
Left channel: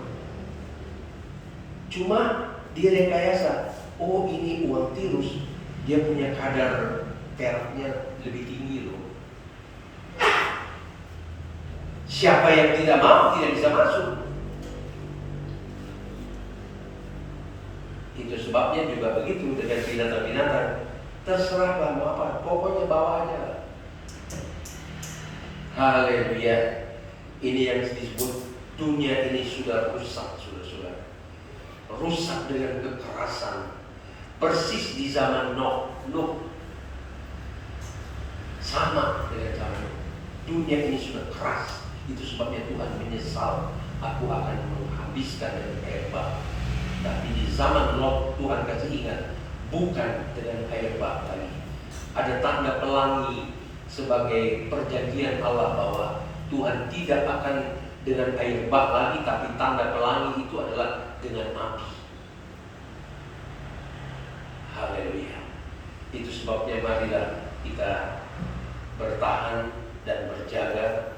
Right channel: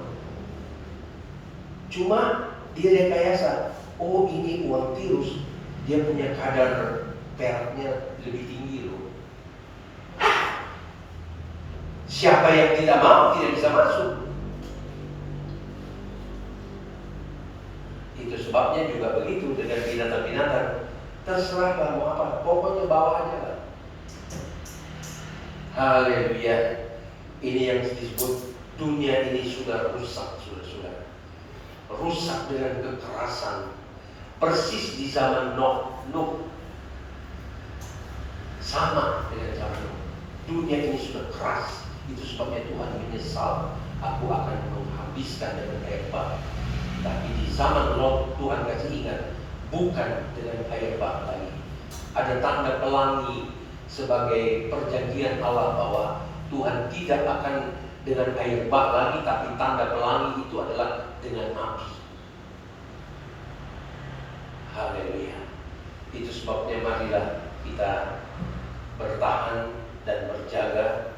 Cuma direkayasa. Oh, ini uang Tirus, dia punya kadar peraknya lebih tinggi loh. Siapa yang tidak mau tidak bisa masuk. Itu sebabnya juga begitu dengan binatang-binatang. Terserah lah mau apa, pokoknya bawa aja lah. Haleluya. Ini yang disebut dunia ini sudah rusak, saudara-saudara. Rusak dengan kekerasan. Persis di zaman Nuh. Sama dengan zaman Nuh. Dunia ini sudah keras. Itu sebabnya Tuhan menyesal. Aku akan menghabiskan dengan air bah. Tapi di zaman Lot Tuhan kasih ingat, bukan dengan air bah lagi. Ada tanda pelangi sebagai perjanjian Allah bahwa Tuhan tidak akan dengan air bah lagi, tapi tanda pelangi itu adalah dengan api. Haleluya. Itu sebabnya marilah kita bertahan dan berjaga,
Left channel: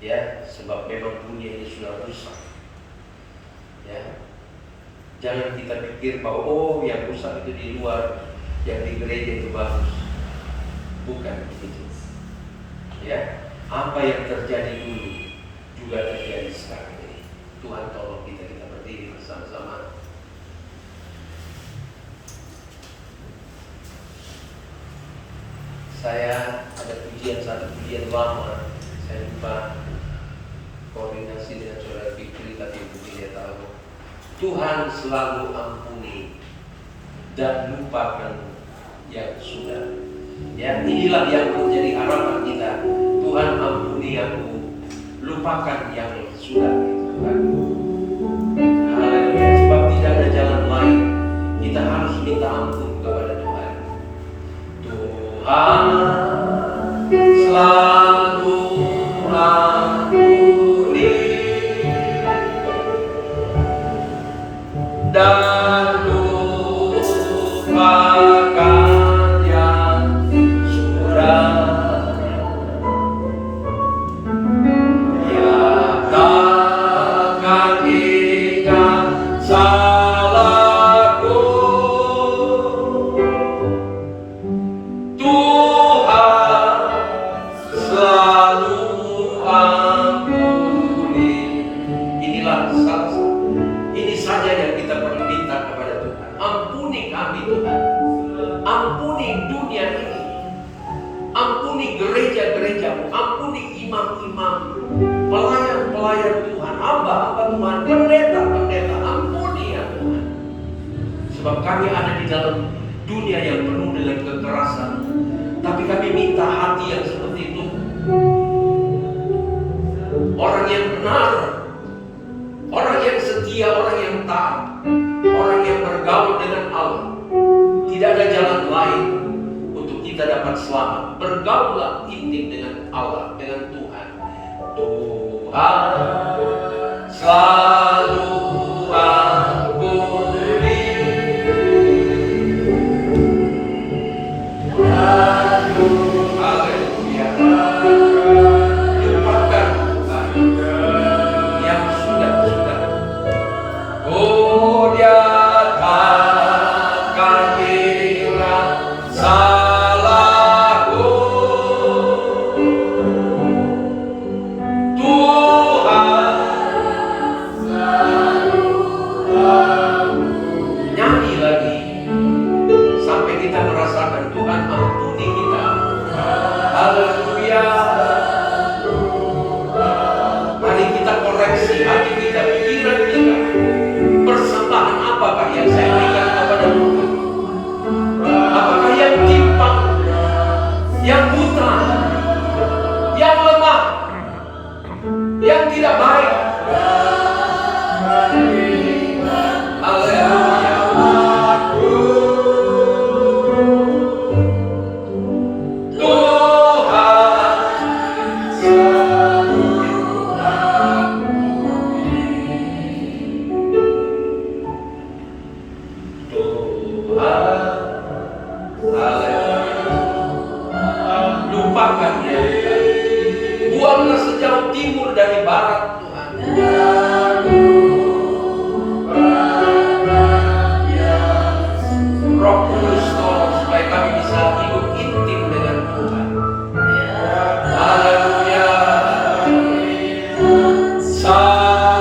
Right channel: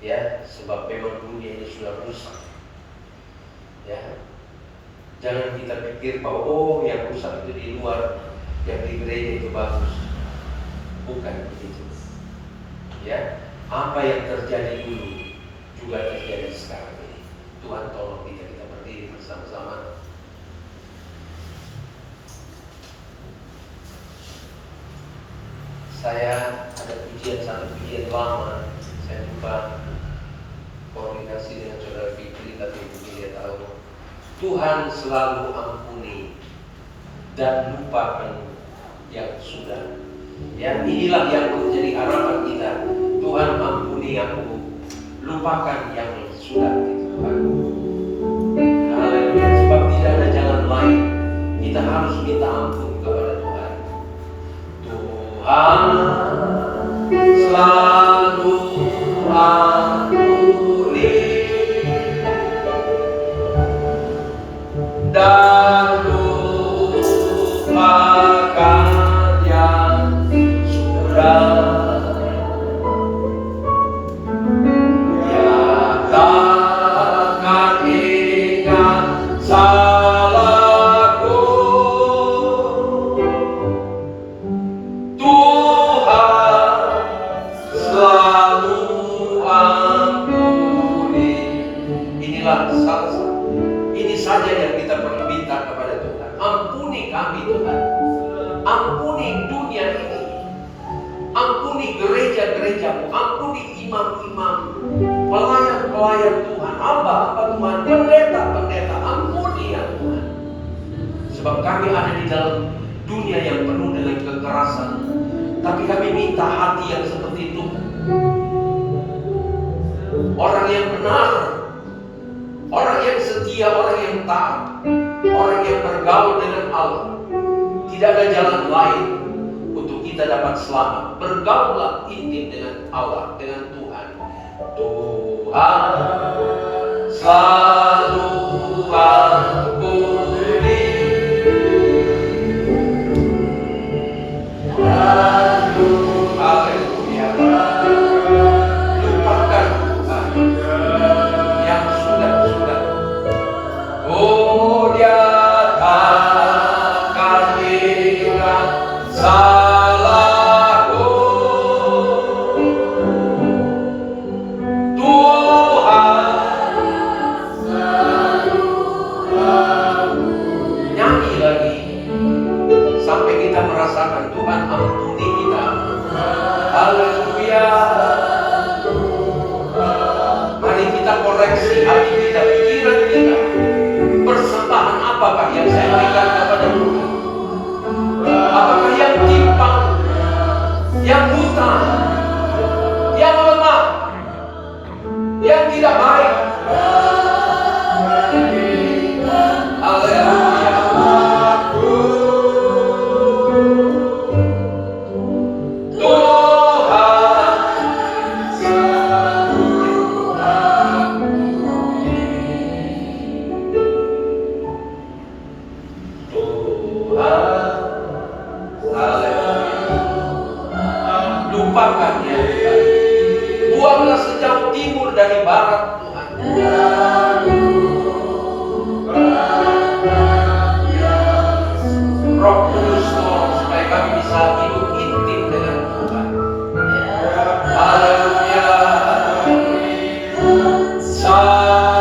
ya, sebab memang dunia ini sudah rusak. Ya. Jangan kita pikir bahwa yang rusak itu di luar, yang di gereja itu bagus. Bukan begitu. Ya, apa yang terjadi dulu juga terjadi sekarang ini. Tuhan tolong kita berdiri bersama-sama. Saya ada satu pujian lama. Saya lupa koordinasi dengan saudara Fikri, tapi dia tahu. Tuhan selalu ampuni dan lupakan yang sudah. Ya, inilah yang menjadi harapan kita. Tuhan ampuni aku, lupakan yang sudah. Tuhan. Haleluya. Sebab tidak ada jalan lain. Kita harus minta ampun kepada Tuhan. Tuhan selalu ampuni dan lupakan yang sudah. Ya takkan ingat salahku. Tuhan selalu ampuni. Inilah ini saja yang kita perlu minta kepada Tuhan. Ampuni kami Tuhan. Ampuni dunia ini. Ampuni gereja-gerejamu. Ampuni imam-imam, pelayan-pelayan Tuhan, hamba-hamba Tuhan, pendeta-pendeta. Ampuni ya Tuhan. Sebab kami ada di dalam dunia yang penuh dengan kekerasan. Tapi kami minta hati yang seperti itu. Orang yang benar, orang yang setia, orang yang taat, orang yang bergaul dengan Allah. Tidak ada jalan lain untuk kita dapat selamat. Bergaulah intim dengan Allah, dengan Tuhan. Tuhan selalu ampuni. Haleluya. Lupakan yang sudah. Oh, dia takkan ingat salahku. Tuhan nyanyi lagi sampai kita merasakan Tuhan ampuni kita. Haleluya. Mari kita koreksi hati kita, pikiran kita. Persembahan apakah yang saya berikan kepada Tuhan? Apakah yang timpang, yang buta, yang lemah, yang tidak baik? Haleluya. Lupakan ya Tuhan. Buanglah sejauh timur dari barat Tuhan. Roh Kudus tolong supaya kami bisa hidup intim dengan Tuhan. Haleluya. Salahku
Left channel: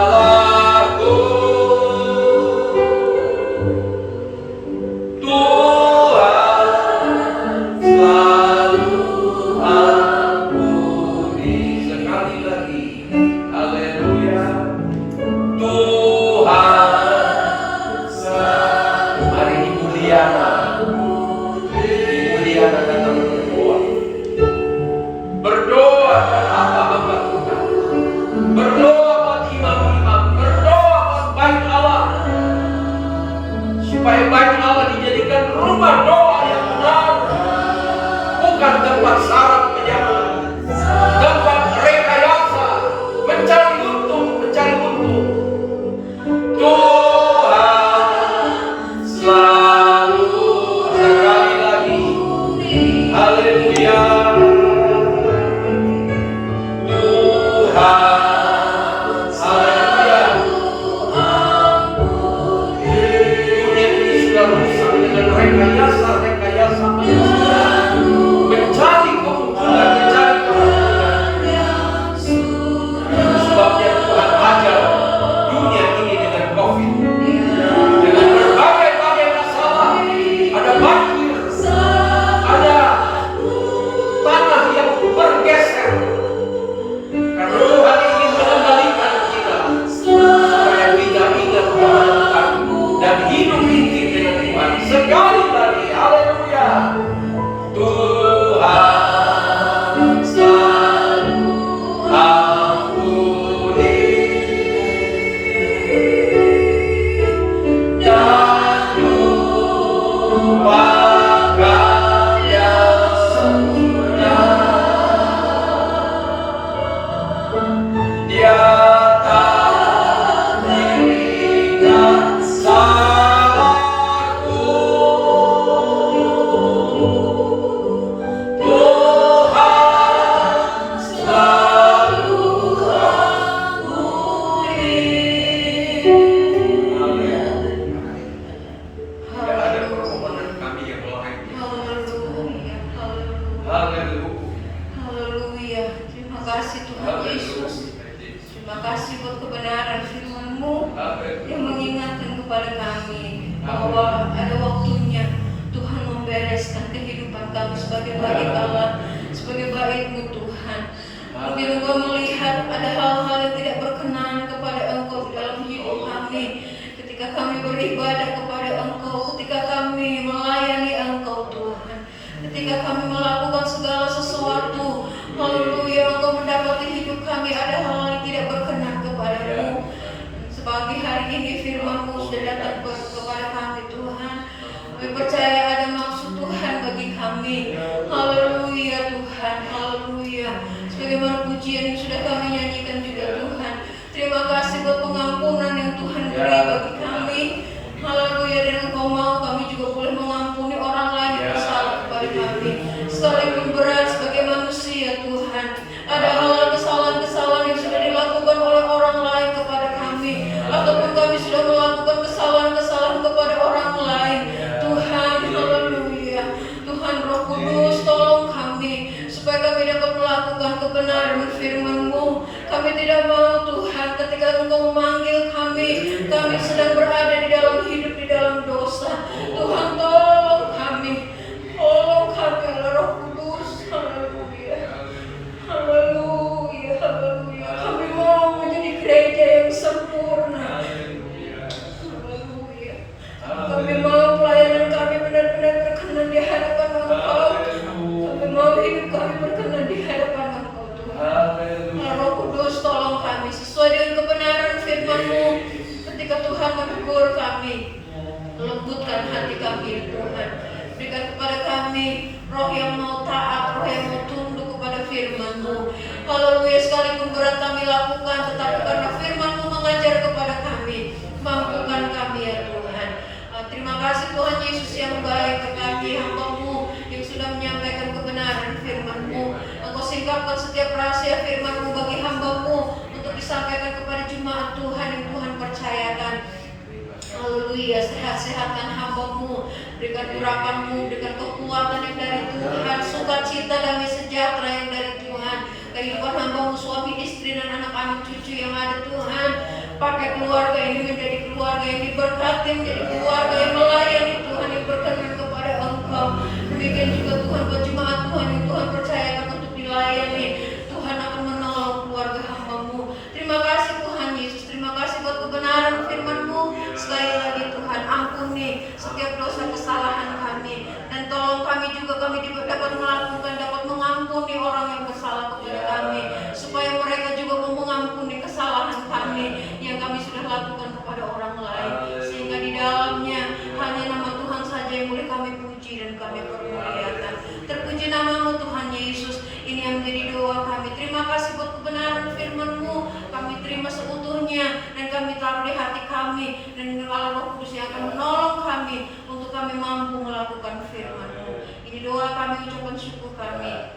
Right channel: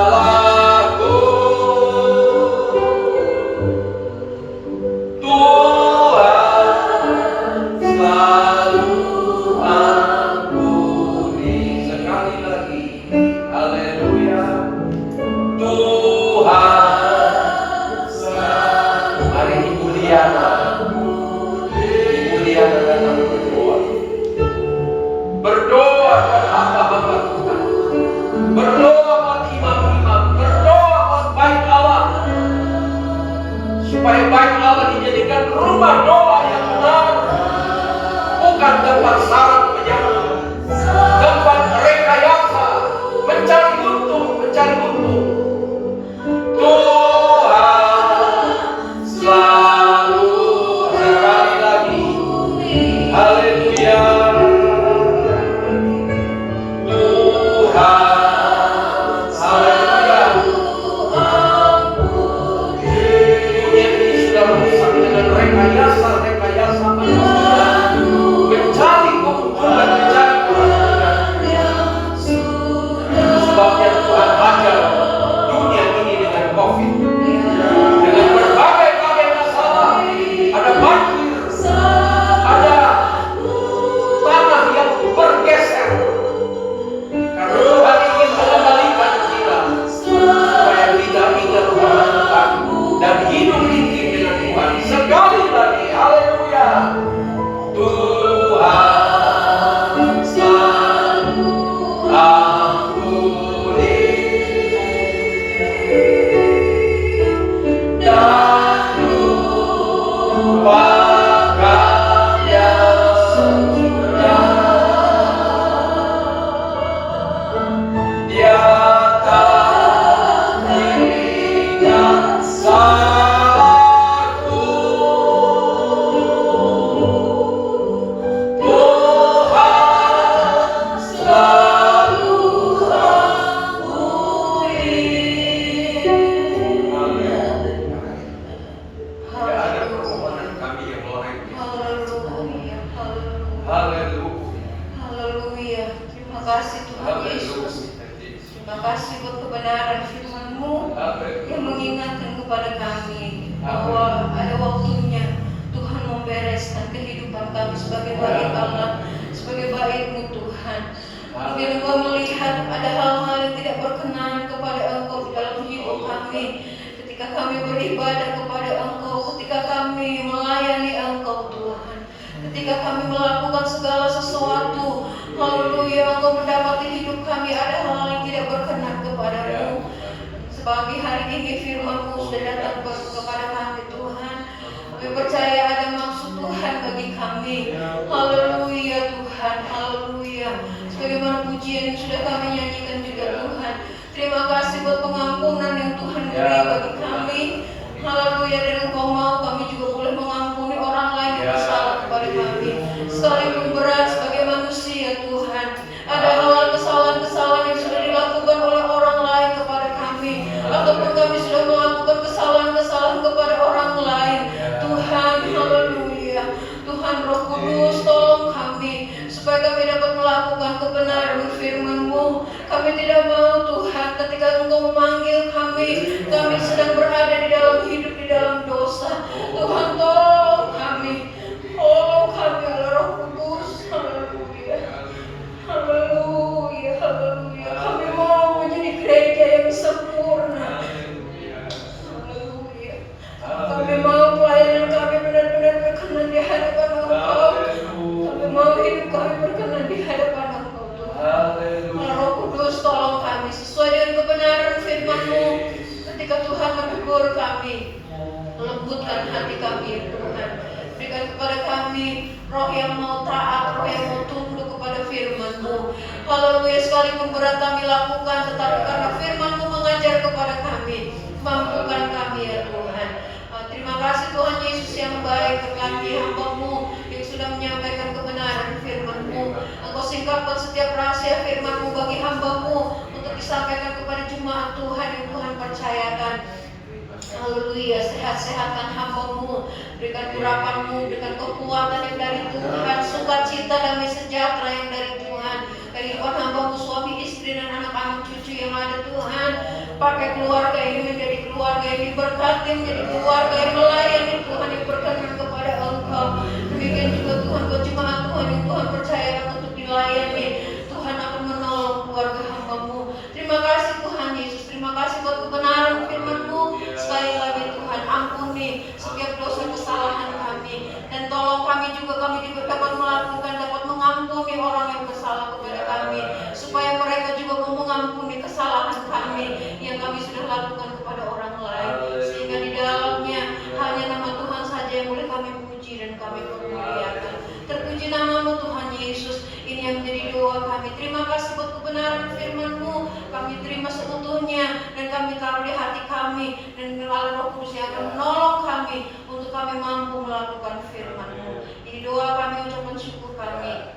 Roh Kudus yang akan menolong kami untuk kami mampu melakukan firman-Mu. Ini doa kami ucapkan syukur kami.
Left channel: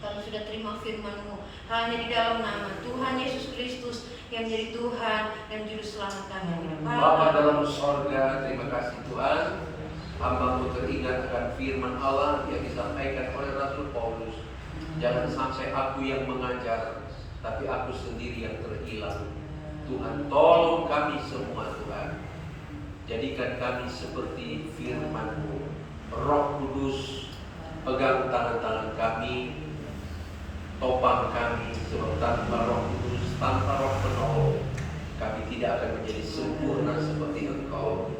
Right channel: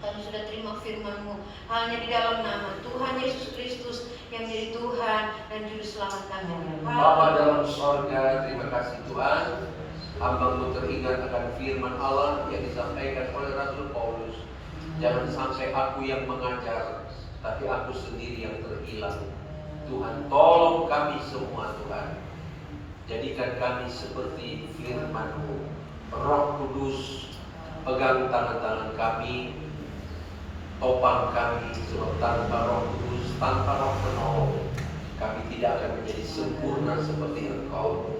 Kami sudah terima firman-Mu hanya di dalam nama Tuhan Yesus Kristus yang menjadi Tuhan dan Juru Selamat kami. Bapa dalam sorga, terima kasih Tuhan. Hamba-Mu teringat akan firman Allah yang disampaikan oleh Rasul Paulus. Jangan sampai aku yang mengajar, tapi aku sendiri yang terhilang. Tuhan, tolong kami semua Tuhan. Jadikan kami seperti firman-Mu. Roh Kudus, pegang tangan-tangan kami, topang kami, sebab tanpa Roh Kudus, tanpa Roh penolong, kami tidak akan menjadi sempurna seperti Engkau.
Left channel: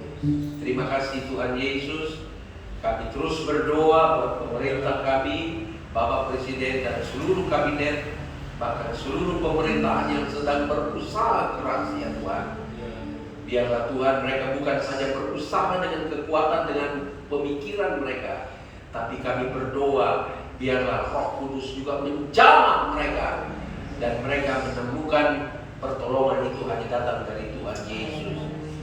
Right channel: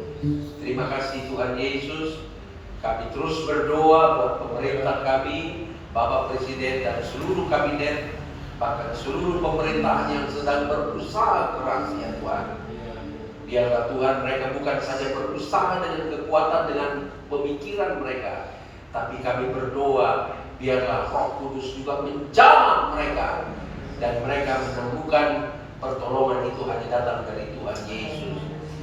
Terima kasih Tuhan Yesus. Kami terus berdoa buat pemerintah kami, Bapak Presiden dan seluruh kabinet, bahkan seluruh pemerintahan yang sedang berusaha keras ya Tuhan. Biarlah Tuhan mereka bukan saja berusaha dengan kekuatan, dengan pemikiran mereka, tapi kami berdoa biarlah Roh Kudus juga menjamah mereka, dan mereka menemukan pertolongan itu hanya datang dari Tuhan Yesus.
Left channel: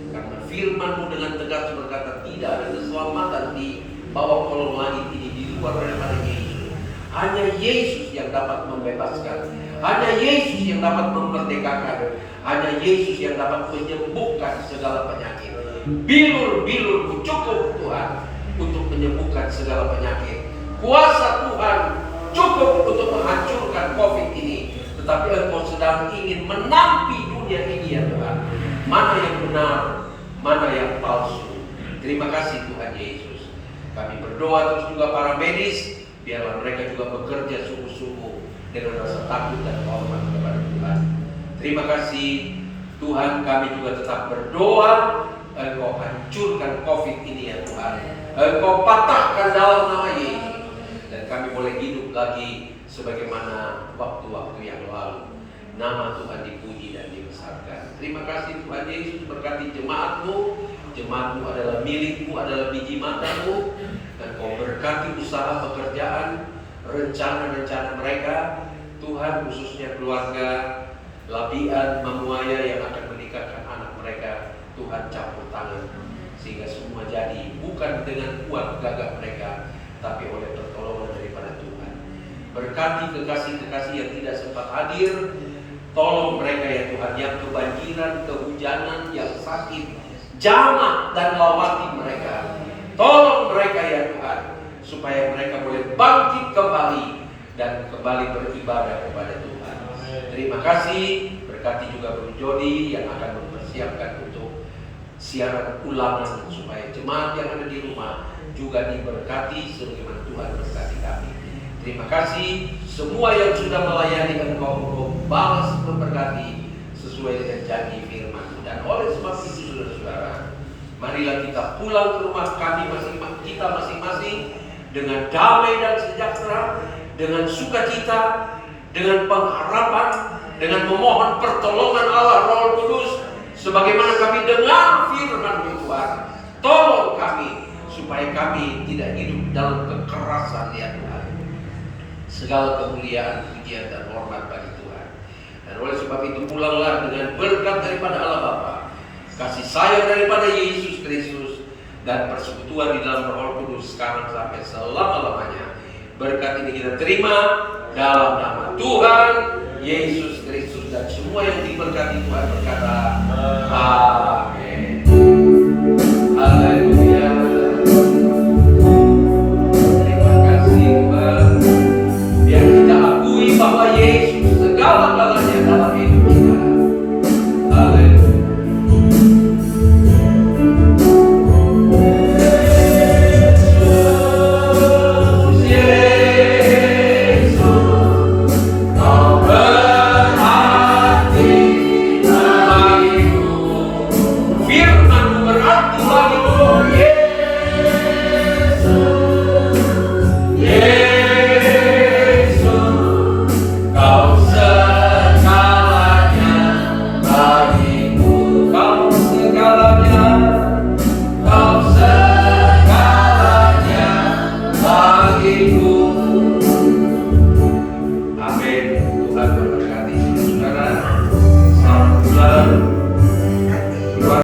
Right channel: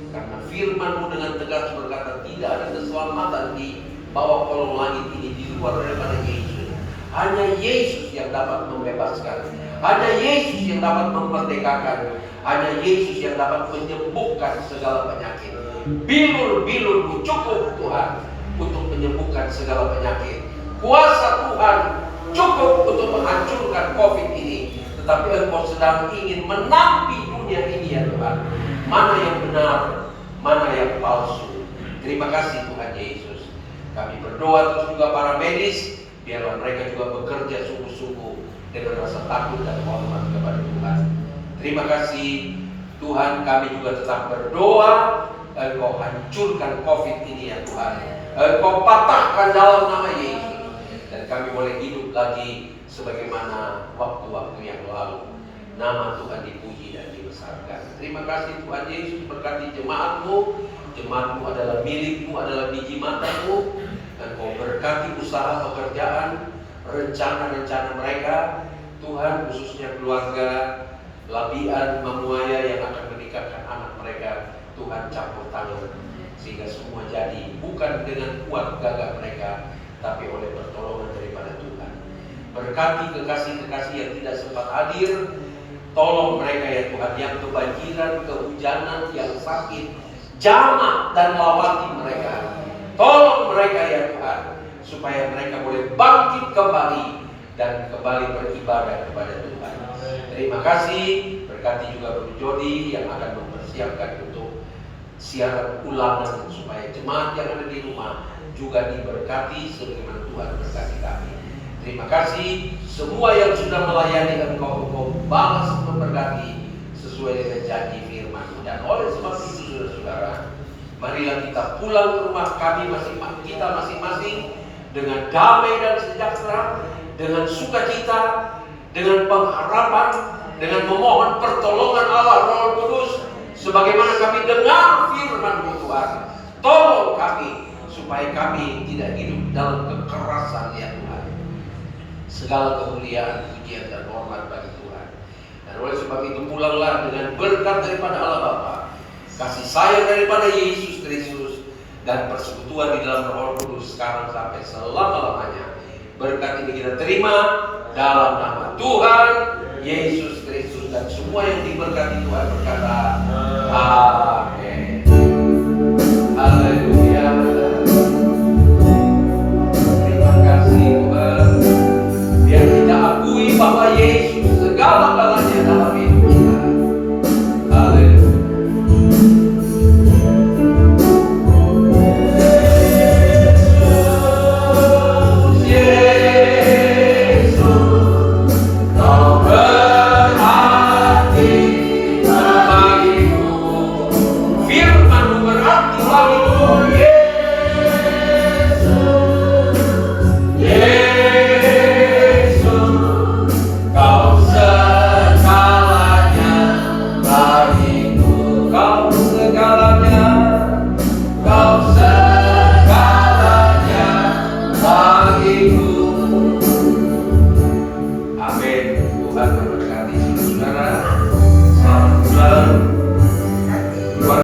Karena firman-Mu dengan tegas berkata tidak ada keselamatan di bawah kolong langit ini di luar daripada Yesus. Hanya Yesus yang dapat membebaskan, hanya Yesus yang dapat memerdekakan, hanya Yesus yang dapat menyembuhkan segala penyakit. Bilur-bilur cukup Tuhan untuk menyembuhkan segala penyakit. Kuasa Tuhan cukup untuk menghancurkan COVID ini. Tetapi Engkau sedang ingin menampi dunia ini ya Tuhan. Mana yang benar, mana yang palsu. Terima kasih Tuhan Yesus. Kami berdoa terus juga para medis, biarlah mereka juga bekerja sungguh-sungguh dengan rasa takut dan hormat kepada Tuhan. Terima kasih Tuhan, kami juga tetap berdoa Engkau hancurkan COVID ini ya Tuhan. Engkau patahkan dalam nama Yesus, dan kami boleh hidup lagi sebagaimana waktu-waktu yang lalu. Nama Tuhan dipuji dan dibesarkan. Terima kasih Tuhan Yesus, berkati jemaat-Mu. Jemaat-Mu adalah milik-Mu, adalah biji mata-Mu. Dan Kau berkati usaha pekerjaan, rencana-rencana mereka. Tuhan, khususnya keluarga Labian, Mamuaya yang akan menikahkan anak mereka, Tuhan campur tangan sehingga semua jadi, bukan dengan kuat gagah mereka, tapi oleh pertolongan daripada Tuhan. Berkati kekasih-kekasih yang tidak sempat hadir, tolong mereka ya Tuhan, yang kebanjiran, kehujanan, yang sakit, jamah dan lawati mereka. Tolong mereka ya Tuhan, supaya mereka boleh bangkit kembali dan kembali beribadah kepada Tuhan. Terima kasih. Berkati juga Bro Jody yang akan mempersiapkan untuk siaran ulangan, supaya jemaat yang ada di rumah juga diberkati sebagaimana Tuhan berkati kami. Terima kasih semua yang sudah melayani Engkau balas memberkati sesuai dengan janji firman. Dan oleh sebab itu saudara-saudara, marilah kita pulang ke rumah kita masing-masing dengan damai dan sejahtera, dengan sukacita, dengan pengharapan, dengan memohon pertolongan Allah Roh Kudus, sebagaimana kami dengar firman Tuhan. Tolong kami supaya kami tidak hidup dalam kekerasan ya Tuhan. Segala kemuliaan, pujian dan hormat bagi Tuhan. Dan oleh sebab itu pulanglah dengan berkat daripada Allah Bapa, kasih sayang daripada Yesus Kristus, dan persekutuan di dalam Roh Kudus sekarang sampai selama-lamanya. Berkat ini kita terima dalam nama Tuhan Yesus Kristus, dan semua yang diberkati Tuhan berkata amin.